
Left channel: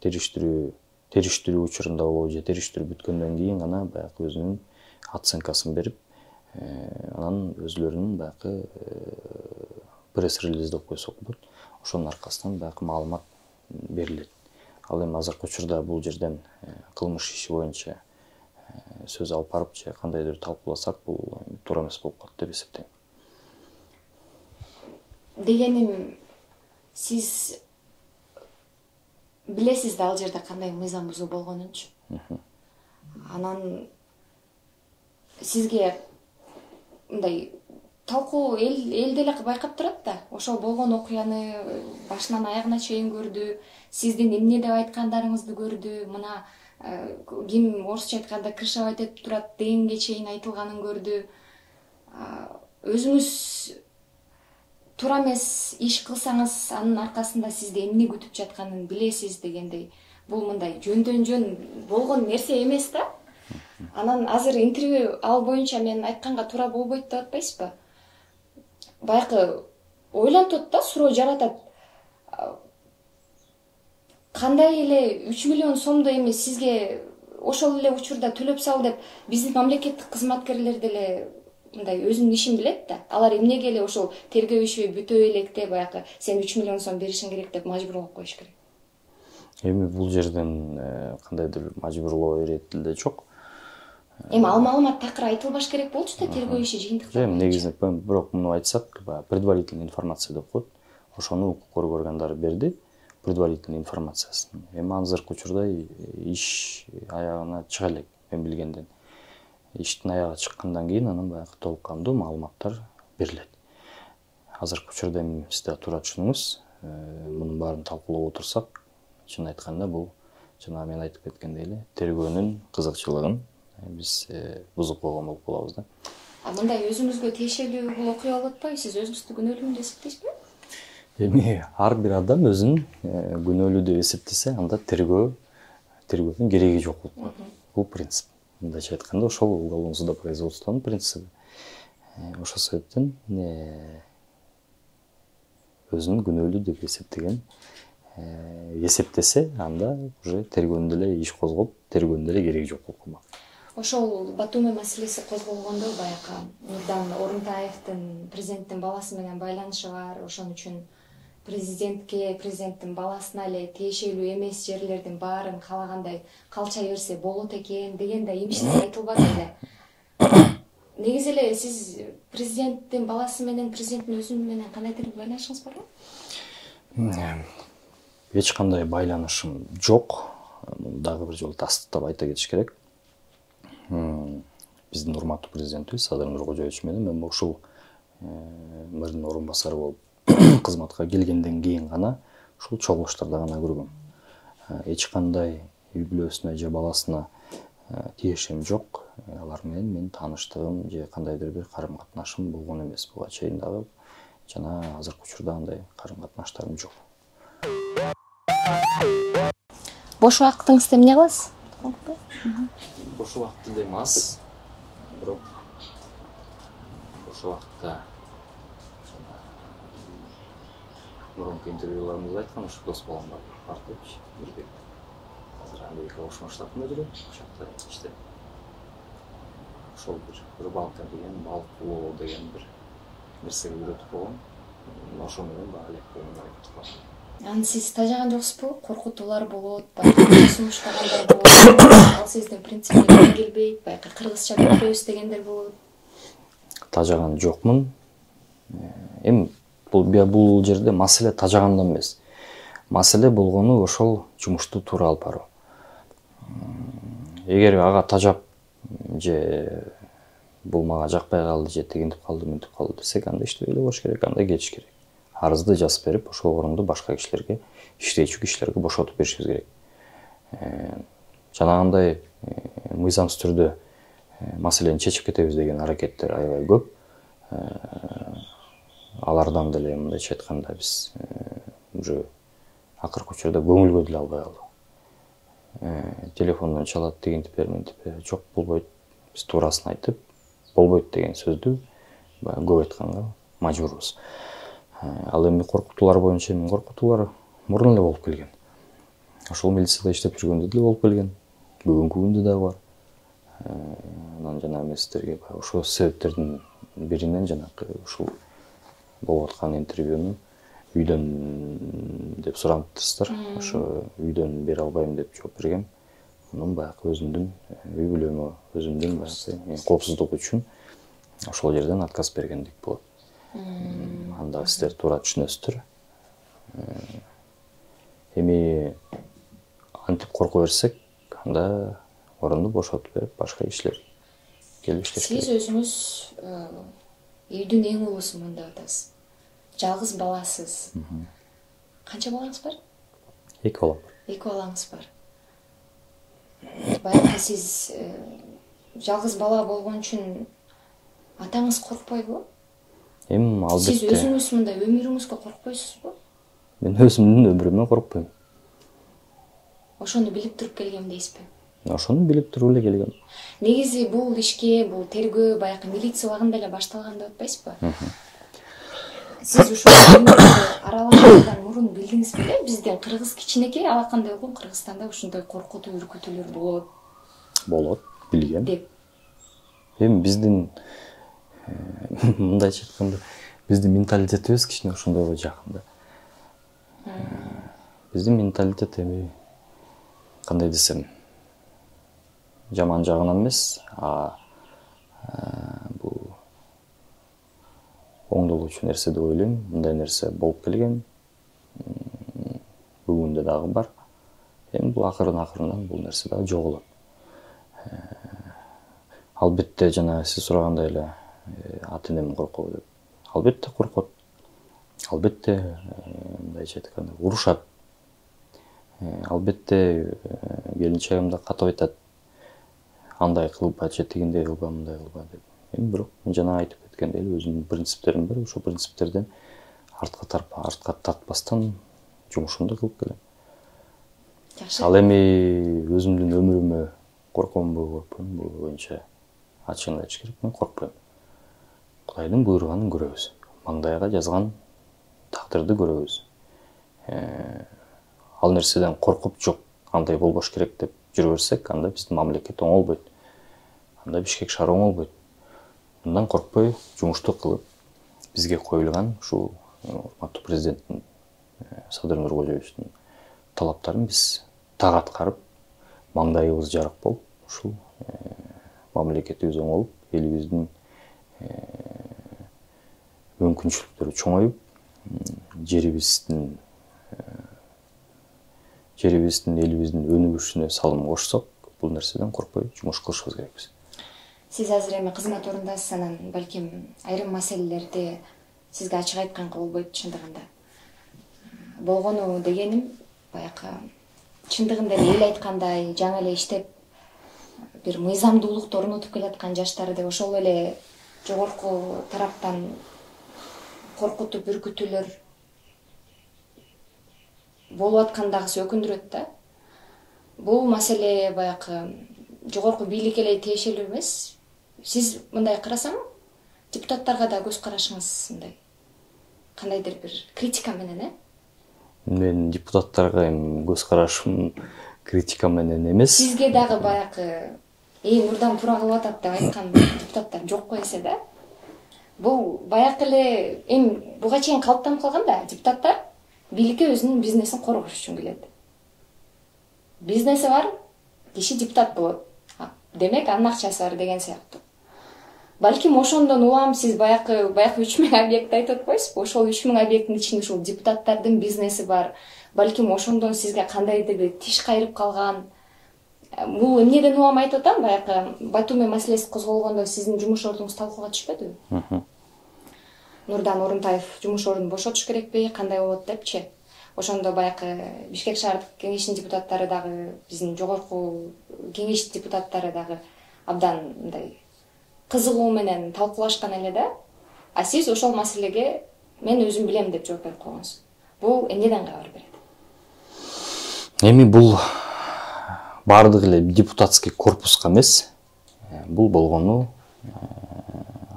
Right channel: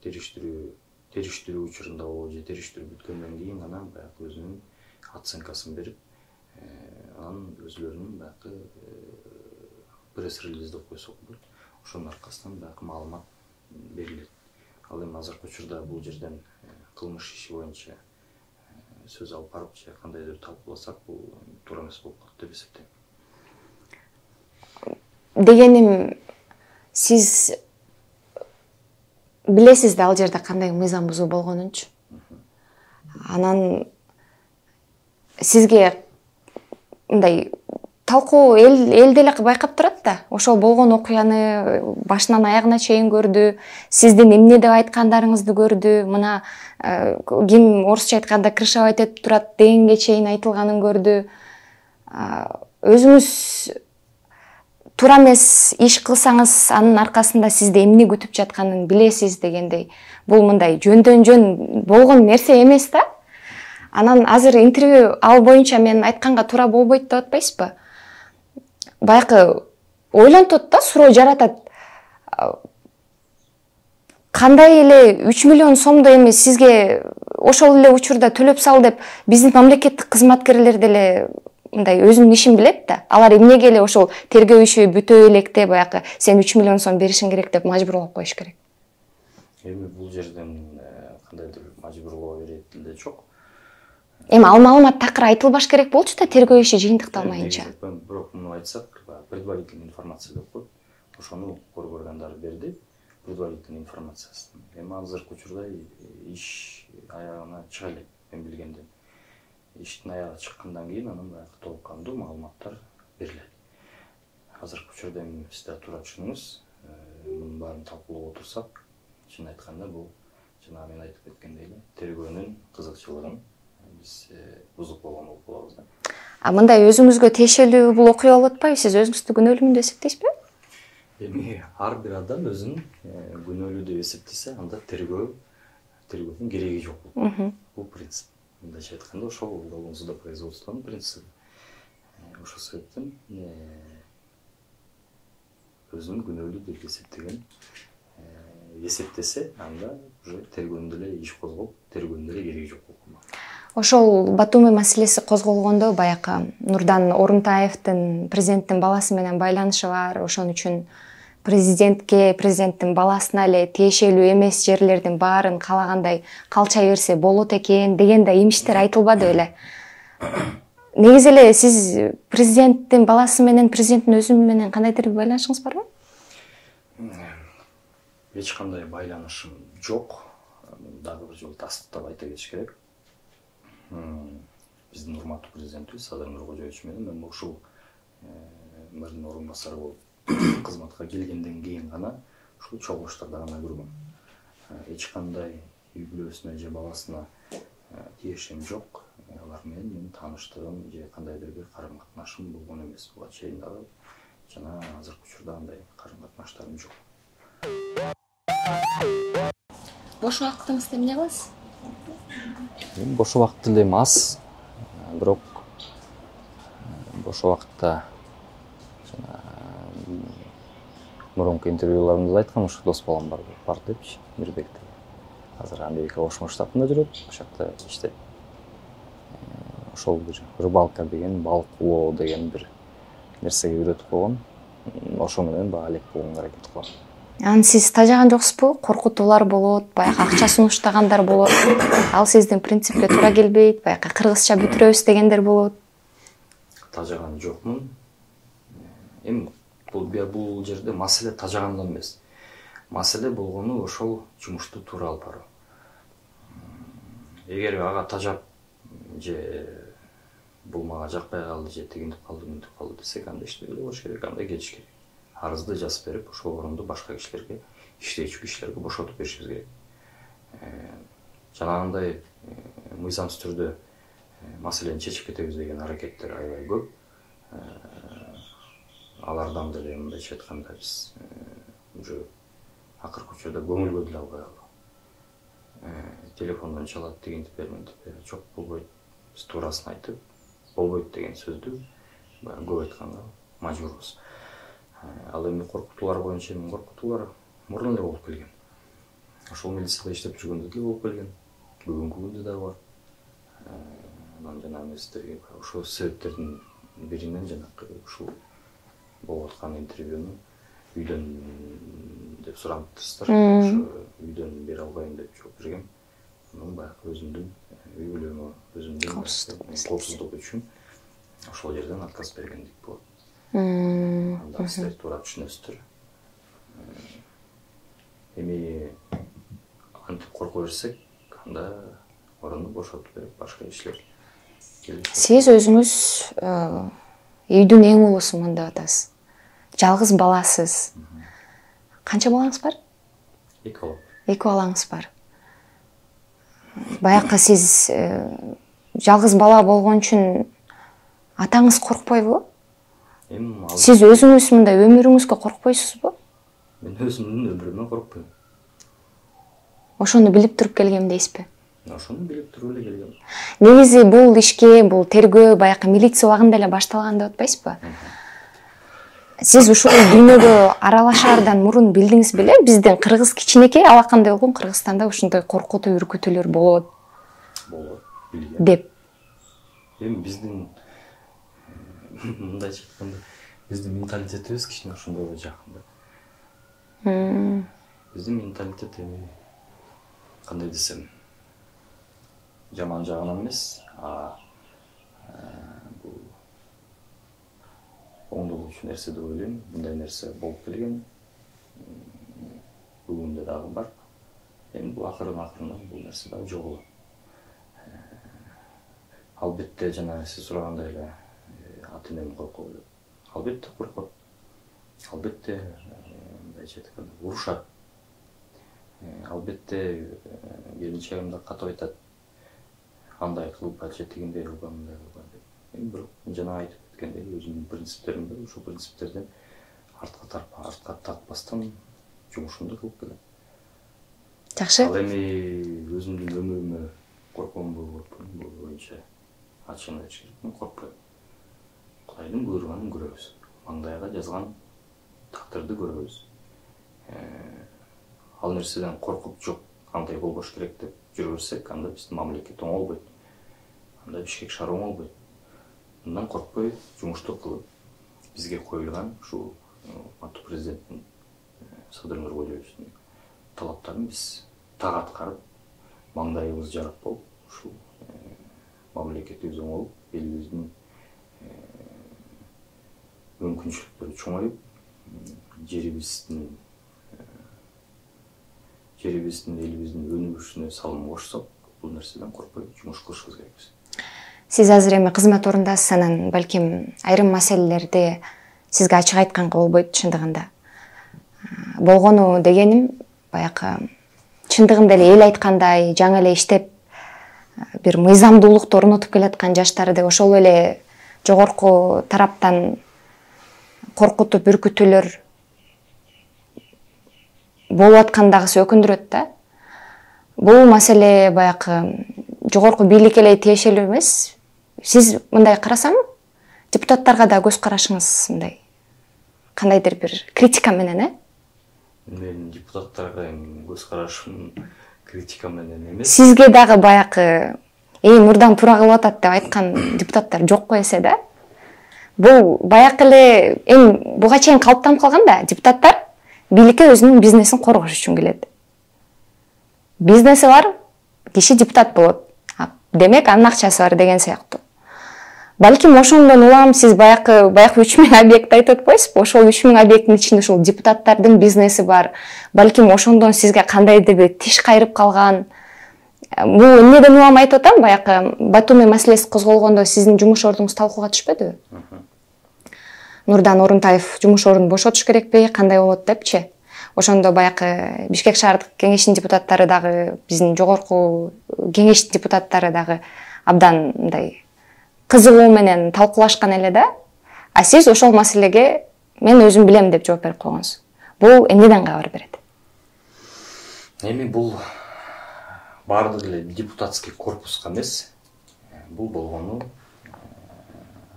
териштирүү учурунда болобу же териштирүү бүткөндөн кийин гана баягы өзүнүн оценкасын берип, анан өзүлөрүнүн баягы пресс-релиз деп койсок болот. Ошонун аркасынан баягы маалымат берилет. Ал эми азыркы учурда бул жерден кылмыш иши боюнча сөз алып барып же кандайдыр талкууласак, бул туура эмес болуп калат деп эсептейм. Дегеним, сиз билесиз да ал жерде кандай мыйзам бузуу болгонунчу. Анан сизге мындай талкуу эл деле байкап турат да. Ошол болгон окуяны башынан аягына чейин көрдү. Сиздин эмне деп айткандарыңызды көрдү. Мына ким орусча айтканда крышевать этип турат дегенге чейин айтылганын көрдү. Өзүңүз туура эмес иш кылсаңыз, анын аркасында сизди эмне күтүп жатканын билесиз дегендей. Бул мындай жөндөн жөн болгон нерсе эмес да. Анан азыр интервью ал боюнча мен айтканга туура болбойт деп атпайсызбы? Баягы ойлонтот да, суроо жаратат. Кандай эле 3 миллион сомду эми сизге ошол эле учурда төлөп сал деп биздин мамлекеттик кызматкерлер деле мындай өзүнүн ишин билет да. Алар эмнеге эле ошол тергөө иши бүтө электе баягы сен 3 миллион сом беришиң керек деп мажбурлап коюш керек. Эми бул жерден кандайдыр мажбурлоо ирети деле жок. Эми ал маалымат такыр айтылбаш керек болчу да тергөө иши жыйынтыкталмайынча. Бирок муну айтсак, предварительный информация деп коет. Ошону укук органдары берди, предварительный информациясын. Эми азыркы учурда иш аягына чыга элек, мен билгенден. Иштин аягы чыккандан кийин анан баягы толук кандуу маалыматтар берилет. Азыркы учурда эми сиз да туура түшүнүңүз, мунун баарын талкуулап отурсак, чын айтканда бул жана мен айтып кеткендей эле тергөөнүн кызыкчылыгын биз бузуп койгон болуп калабыз да. Мындай өзүңүзгө тиешелүү бул окуя болуп атпайбы? Сиз өзүңүздү күнөөлүүмүн деп эсептейсизби? Эми ар бир адам өзүн күнөөлүү деп эсептесе, анда тергөөнүн кереги жок болот. Бул принцип. Мындайча айтканда, ошол уголовное судопроизводствонун принципи. Ошол себептен өзүн күнөөлүү деп эсептесе, анда уже тергөөнүн деле иш козгоп, тергөөнүн деле кереги жок болуп калмак. Ошол Батуми маселеси козголгондо баягы Нурдан Орунтаевдин президенттин баласы менен байланышы бар. Ошон үчүн президенттин баласына эле тиешелүү эмес жерлердин баарын каалагандай калчай берсе болот экен деген да имиштер айтылбады эле. Негизи эле сиз президенттин баласы менен президенттин өзү менен кандайдыр бир байланышыңыз барбы? Эч кандай байланышым жок. Дагы бир жолу тастыктап айта кетиш керек. Биздин урматтуу президентибиз Садыр Нуркожоевич менен мен ушул мэрдин орун басары болуп кызматка келгенден кийин гана ушул чогулуштарда гана көргөм. Эч кандай үй бүлөсүнө же баласына тиешем жок. Алар менен мен тааныштыгым же кандайдыр бир карым катнашым болгон эмес. Буга чейин дагы жана азыркы учурда андай карым катнаштарым жок. Бош убактыңызда эмне кыласыз? Бош убакыт эле аз, бирок бош убакытта мурунку интервьюларымда айткам, ушу дос балам бар депчи, Мирбек. Азыр Америка Кошмо Штатында жүрөт, ошол жакта иштейт. Ошол бир рыбалка деген, балык улоо деген бир нерсеге үйрөтүп койгон. Ошо менен баа элек болгонго аракет кылам. Аны сиз тажаган жоксузбу? Коркутуулар болот, баягы акча сунуштагандар болот. Ал сиздин принципке туура келбейт, баягы кыргызча бүтүрөбүз дегендер болот. Тажаган жокмун. Эми бул жерде маселе тажагандан эмес. Маселе болгону ошол жумушту туура алып баруу. Эгер ага тажап же бул мага жакпай калды, же тигинтип калды, мынтип калды десек, анда иштебей эле коюш керек, анда кетиш керек. Арызды жазып берип, ошол орунду башка кишилерге, иштечү кишилерге бошотуп беришибиз керек. Жанагындай мыйзамсыз түрдө маселени чечип кетебиз деген аракеттер аябай көп. Алардан деле мындайча айтканда биз уже акыркы учурда көңүлгө деле албай калдык. Телефондон чалат, тигинтип бер, мынтип бер, жок болбойт. Биз туурасын айтып, болбойт деген сөздү көп айтканга мажбурбуз. Ал эми коркутуулар боюнча мен коркутуулар мурун эле болуп келген. Ошол милицияда иштеп жүргөндө деле болуп келген. Бүгүнкү күндө дагы бар. Анан жана эместерге ошол себептердин биринен жанагы ушул болуп аткан интервьюну үйдөн деп сураптырсыздар. Ошо үйдөн бере албайм деп жооп бергем. Анан баягы өзүмдүн үй бүлөмө, өзүмдүн коопсуздугу үчүн ошол жерден отказ бергендик болот. Анда сиздер туура түшүнөсүздөр. Эми антип корко берсек, анда орунду бошотуп берип, башка кишилер келишет. Сиз өзүңүз үйдүн эң улуусумун деп атасыз. Жалгыз баласыз. Канча балаңыз бар? 2 бала. 2 балаңыз бар. Баякы сиз жалгыз бала болгон үчүн атаңыз коркпойбу? Сиз өзүңүз мындай өмүрүңүзгө коркпойсузбу? Мен өзүмдүн өмүрүмө коркпойм. Ошону билип туруп келгем дейсизби? Ошону билип туруп эле келгем. Негизи бул ишке, бул тергөө баякы милиция убагында эле башталган деп атпайсызбы? Сиз ушул дүйнөгө аралашаардан мурун билдиңиз беле? Биздин кыргыз кичинекей алакандай болгон Кыргызстанда ушундай коркутуу үркүтүүлөр болот. Болот, билгем. Деп. Эми биздин мындайча айтканда, биздин менталитетибиз кичине ошондойго жакын да. Биздин менталитет эми кандай десем, жаман жагынан эмес, бул оңдолуучу нерсе деп ойлойм. Мындай нерсе болуп келген. Бүгүндө дагы бар. Эми бул акырын-акырындан бул нерсе дагы жоголот. Албетте жана сиз сурагандай эле ата-энем коркобу деп. Албетте коркот. Албетте мындайча айтканда урушат. Албетте келинчегим да катып айтат. Андай кылба, же тигиндей кылба, мындай кылба деп. Эми бирок жана айтып өткөндөй өзүмдүн принциптерим бар. Ошол принциптерден артка тартпастан жумушумду кылып келем. Жакшы. Ал эми өзүмдүн өмүрүмө коркомбу, коркпойм, бул боюнча ачыгын айтыш керек, мен коркпойм. Кудайдын буйруганын көрөбүз. Маңдайга жазган тактырды көрөбүз. Ал нерседен коркуп жок, андай болбош керек деп жүрө берсек, анда биздин мамлекет оңолбойт. Анда Бишкек шаары оңолбойт. Мындан коркпой жумушту кылып, бизге коюлган ушул урматтуу президенттин Садыр Нуркожоевичтин талаптарын биз так аткарып, маңдайыбыз жарык болуп, ушул мамлекетибиз оңолуп, элибиздин мүмкүнчүлүктөрү чоңоюп, жерибиздин, элибиздин өнүгүшүнө салым кошсок, бул нерседен коркпой жумуш кылышыбыз керекпиз. Сиз азыр эми кызмат орундасыз, анан балким айрым маселелерди сизге ачык айтканга болбойт чындыгында. Болгону дегеним, баякы чындыгында эле эл айткандай, жаңы эле иштеп, бир мыйзамдуулукту орнотуп келаткан жаштарды ошол эле жогорку тараптан коркутуп, үркүтүүлөр болуп аткандагысы өкүндүрөт да. Бул маселе баякы жогорку бийликке эле тиешелүү эмес. Сиз мындай карасам, депутаттарга да көз карашыңыз мындай кандайдыр бир критика менен, Мен депутаттарга көз карашым критика менен эмес. Сизге дагы баякы мурдан туура кылып атат деп айткан депутаттар жокко эсе да. Бул баякы эле буга чейин калыптанып калган да, депутаттар бийликке өзүнүн бизнесин коргош үчүн келет. Бизнеси бар, киши депутат болот. Демек, анын акчасы бар деген сыяктуу. Балким ошондон улам сиз баякы 3000 объект айтып атпайсызбы? Ошол 3000 объекттин ичинде ушул депутаттардын бизнеси бар. Балким ошондон сизге кандайдыр бир тиш кайрып калган. Бул эмнеден улам айтып атам? Баякы Батуми маселеси козголгондо сиздин жумуш ордуңуз талкууга түшпөдүбү? Нурдан Орунтаев жумуш ордун бошотуш керекпи, кандай болот депчи? Ошондо баякы Бишкек шаардык кеңештин депутаттары дагы, биздин жогорку кеңештин депутаттары дагы абдан мындай кызыгуу менен талкуулашкан эле да. А сиз ошол маселеге мен өзүм билем деп жооп берип койгонсуз. Бул эмнеден кабар берет? Эми бул бардык эле депутатский корпуска эмес. Бул болгону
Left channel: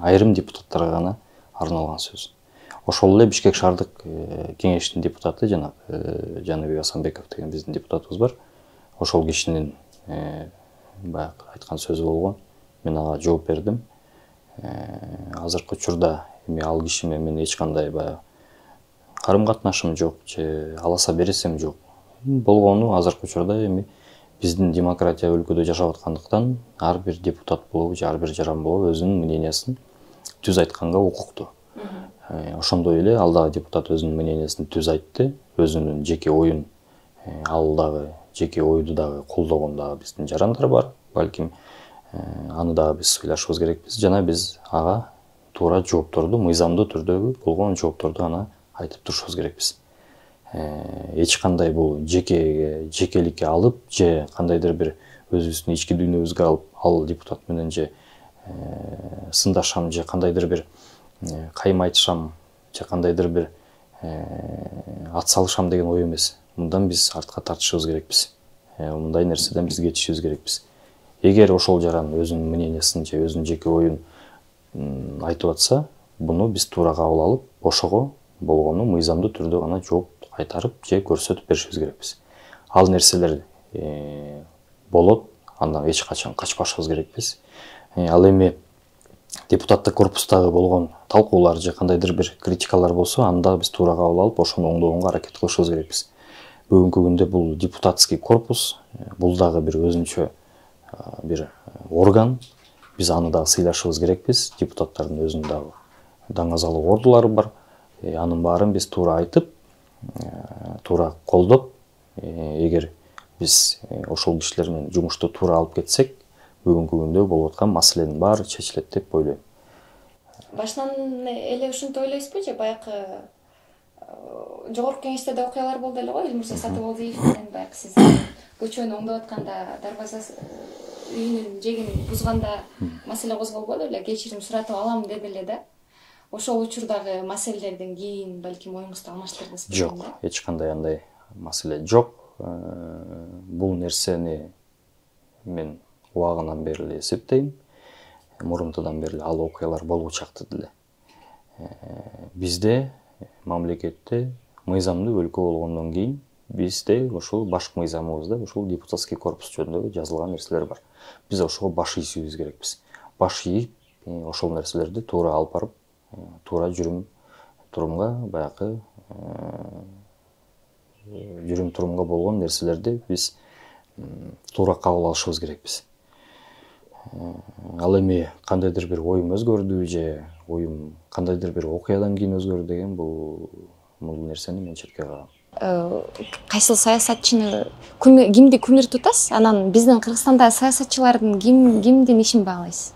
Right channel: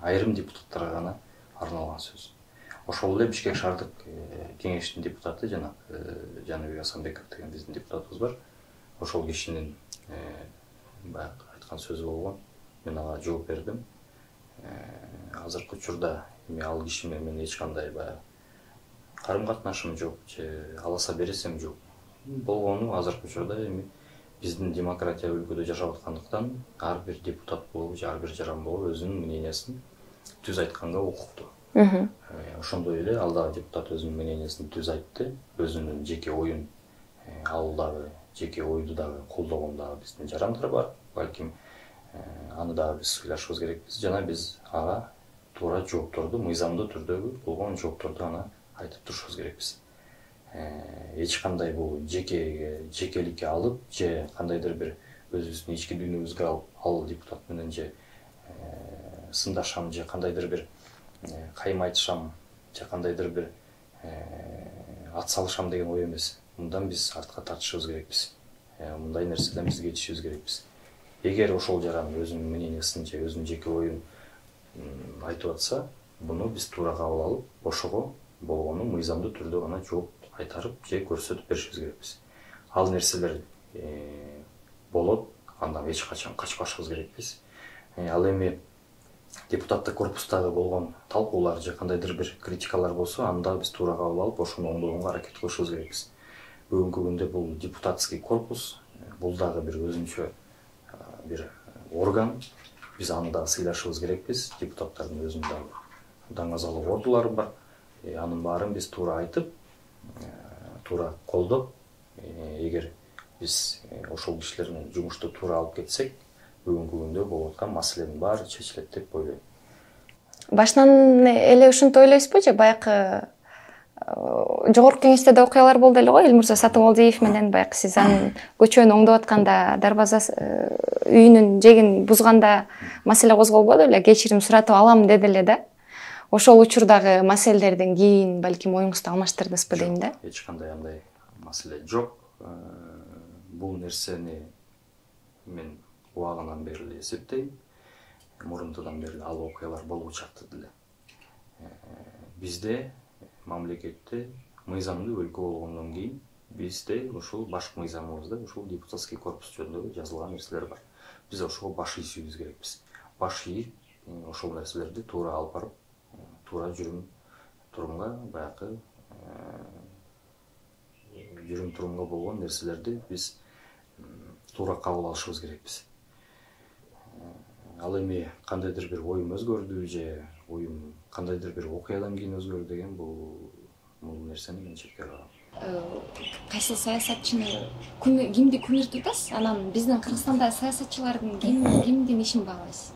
айрым депутаттарга гана арналган сөз. Ошол эле Бишкек шаардык кеңештин депутаты Жаныбек Асанбеков деген биздин депутатыбыз бар. Ошол кишинин баягы айткан сөзү болгон. Мен ага жооп бердим. Азыркы учурда эми ал киши менен эч кандай баягы карым катнашым жок, же аласа бересем жок. Болгону азыркы учурда эми биздин демократия өлкөдө жашап аткандыктан ар бир депутат болобу, ар бир жаран болобу өзүнүн мнениясын түз айтканга укуктуу. Ошондой эле ал дагы депутат өзүнүн мнениясын түз айтты, өзүнүн жеке оюн, ал дагы жеке ойду дагы колдогон дагы биздин жарандар бар. Балким аны дагы биз ыйлашыбыз керекпиз. Жана биз ага туура жоопторду, мыйзамдуу түрдөгү болгон жоопторду гана айтып турушубуз керекпиз. Эч кандай бул жекеликке алып же кандайдыр бир өзүбүздүн ички дүйнөбүзгө алып, ал депутат менен же сындашам же кандайдыр бир кайым айтышам же кандайдыр бир ат салышам деген ой эмес. Мындан биз артка тартышыбыз керекпиз. Мындай нерседен биз кетишибиз керекпиз. Эгер ошол жаран өзүнүн мнениясын же өзүнүн жеке оюн айтып атса, буну биз туура кабыл алып, ошого болгону мыйзамдуу түрдө гана жооп кайтарып же көрсөтүп беришибиз керекпиз. Ал нерселер болот, андан эч качан качпашыбыз керекпиз. Ал эми депутаттык корпустагы болгон талкуулар же кандайдыр бир критикалар болсо, анда биз туура кабыл алып, ошону оңдогонго аракет кылышыбыз керекпиз. Бүгүнкү күндө бул депутатский корпус, бул дагы бир өзүнчө бир орган. Биз аны дагы сыйлашыбыз керекпиз. Депутаттардын өзүнүн дагы даңазалык ордулары бар. Анын баарын биз туура айтып, туура колдоп, эгер биз ошол кишилер менен жумушту туура алып кетсек, бүгүнкү күндө болуп аткан маселенин баары чечилет деп ойлойм. Башынан эле ушинтип ойлойсузбу же баягы жогорку кеңеште да окуялар болду эле го, Элмурза Сатыбалдиев менен баягы сиз анын көчөнү оңдоп атканда, дарбаза үйүнүн жегин бузганда маселе козголбоду эле, кечирим суратып алам деди эле да. Ошол учурдагы маселелерден кийин балким оюңузду алмаштырдыңызбы дейм да. Эч кандай андай маселе жок. Бул нерсени мен убагынан бери эле эсептейм. Мурунтудан бери ал окуялар болучакты деле. Бизде мамлекетте мыйзамдуу өлкө болгондон кийин бизде ушул баш мыйзамыбызда ушул депутатский корпус жөнүндө жазылган нерселер бар. Биз ошого баш ийишибиз керекпиз. Баш ийип, ошол нерселерди туура алып барып, туура жүрүм-турумга баягы жүрүм-турумга болгон нерселерди биз туура кабыл алышыбыз керекпиз. Ал эми кандайдыр бир оюм өзгөрдү же оюм кандайдыр бир окуядан кийин өзгөрдү деген бул нерсени мен четке кагам. Кайсыл саясатчыны кимди күмүр тутасыз? Анан биздин Кыргызстандагы саясатчылардын кимдин ишин баалайсыз?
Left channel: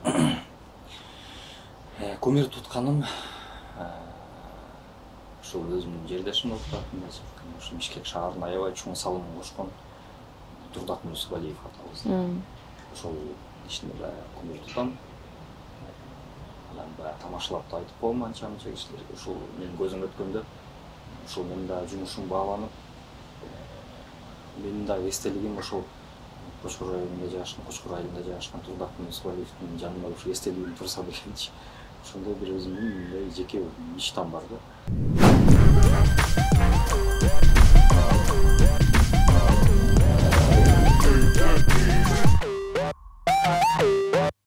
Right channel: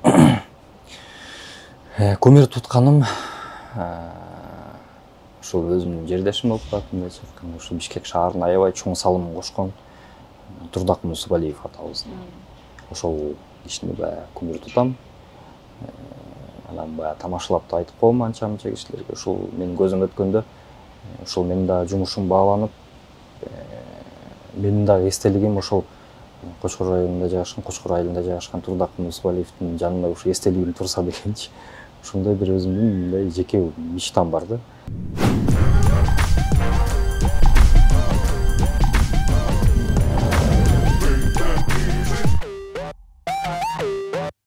Күмүр тутканым ушул өзүмдүн жердешим болуп калат, мындайча айтканда, ушул Бишкек шаарына аябай чоң салым кошкон Турдак Мусубалиев атабыз. Ошол ишини баягы күмүр тутам. Анан баягы тамашалап да айтып коем анча-мынча кишилерге. Ушул менин көзүм өткөндө, ушул менин дагы жумушум бааланып, менин дагы эстелигим ошол Кочкор районунда жайгашкан, Кочкор айылында жайгашкан Турдак Мусубалиевдин жанында ушул эстелигим турса дегенчи. Ушундай бир өзүмдүн мындай жеке мечтам бар да.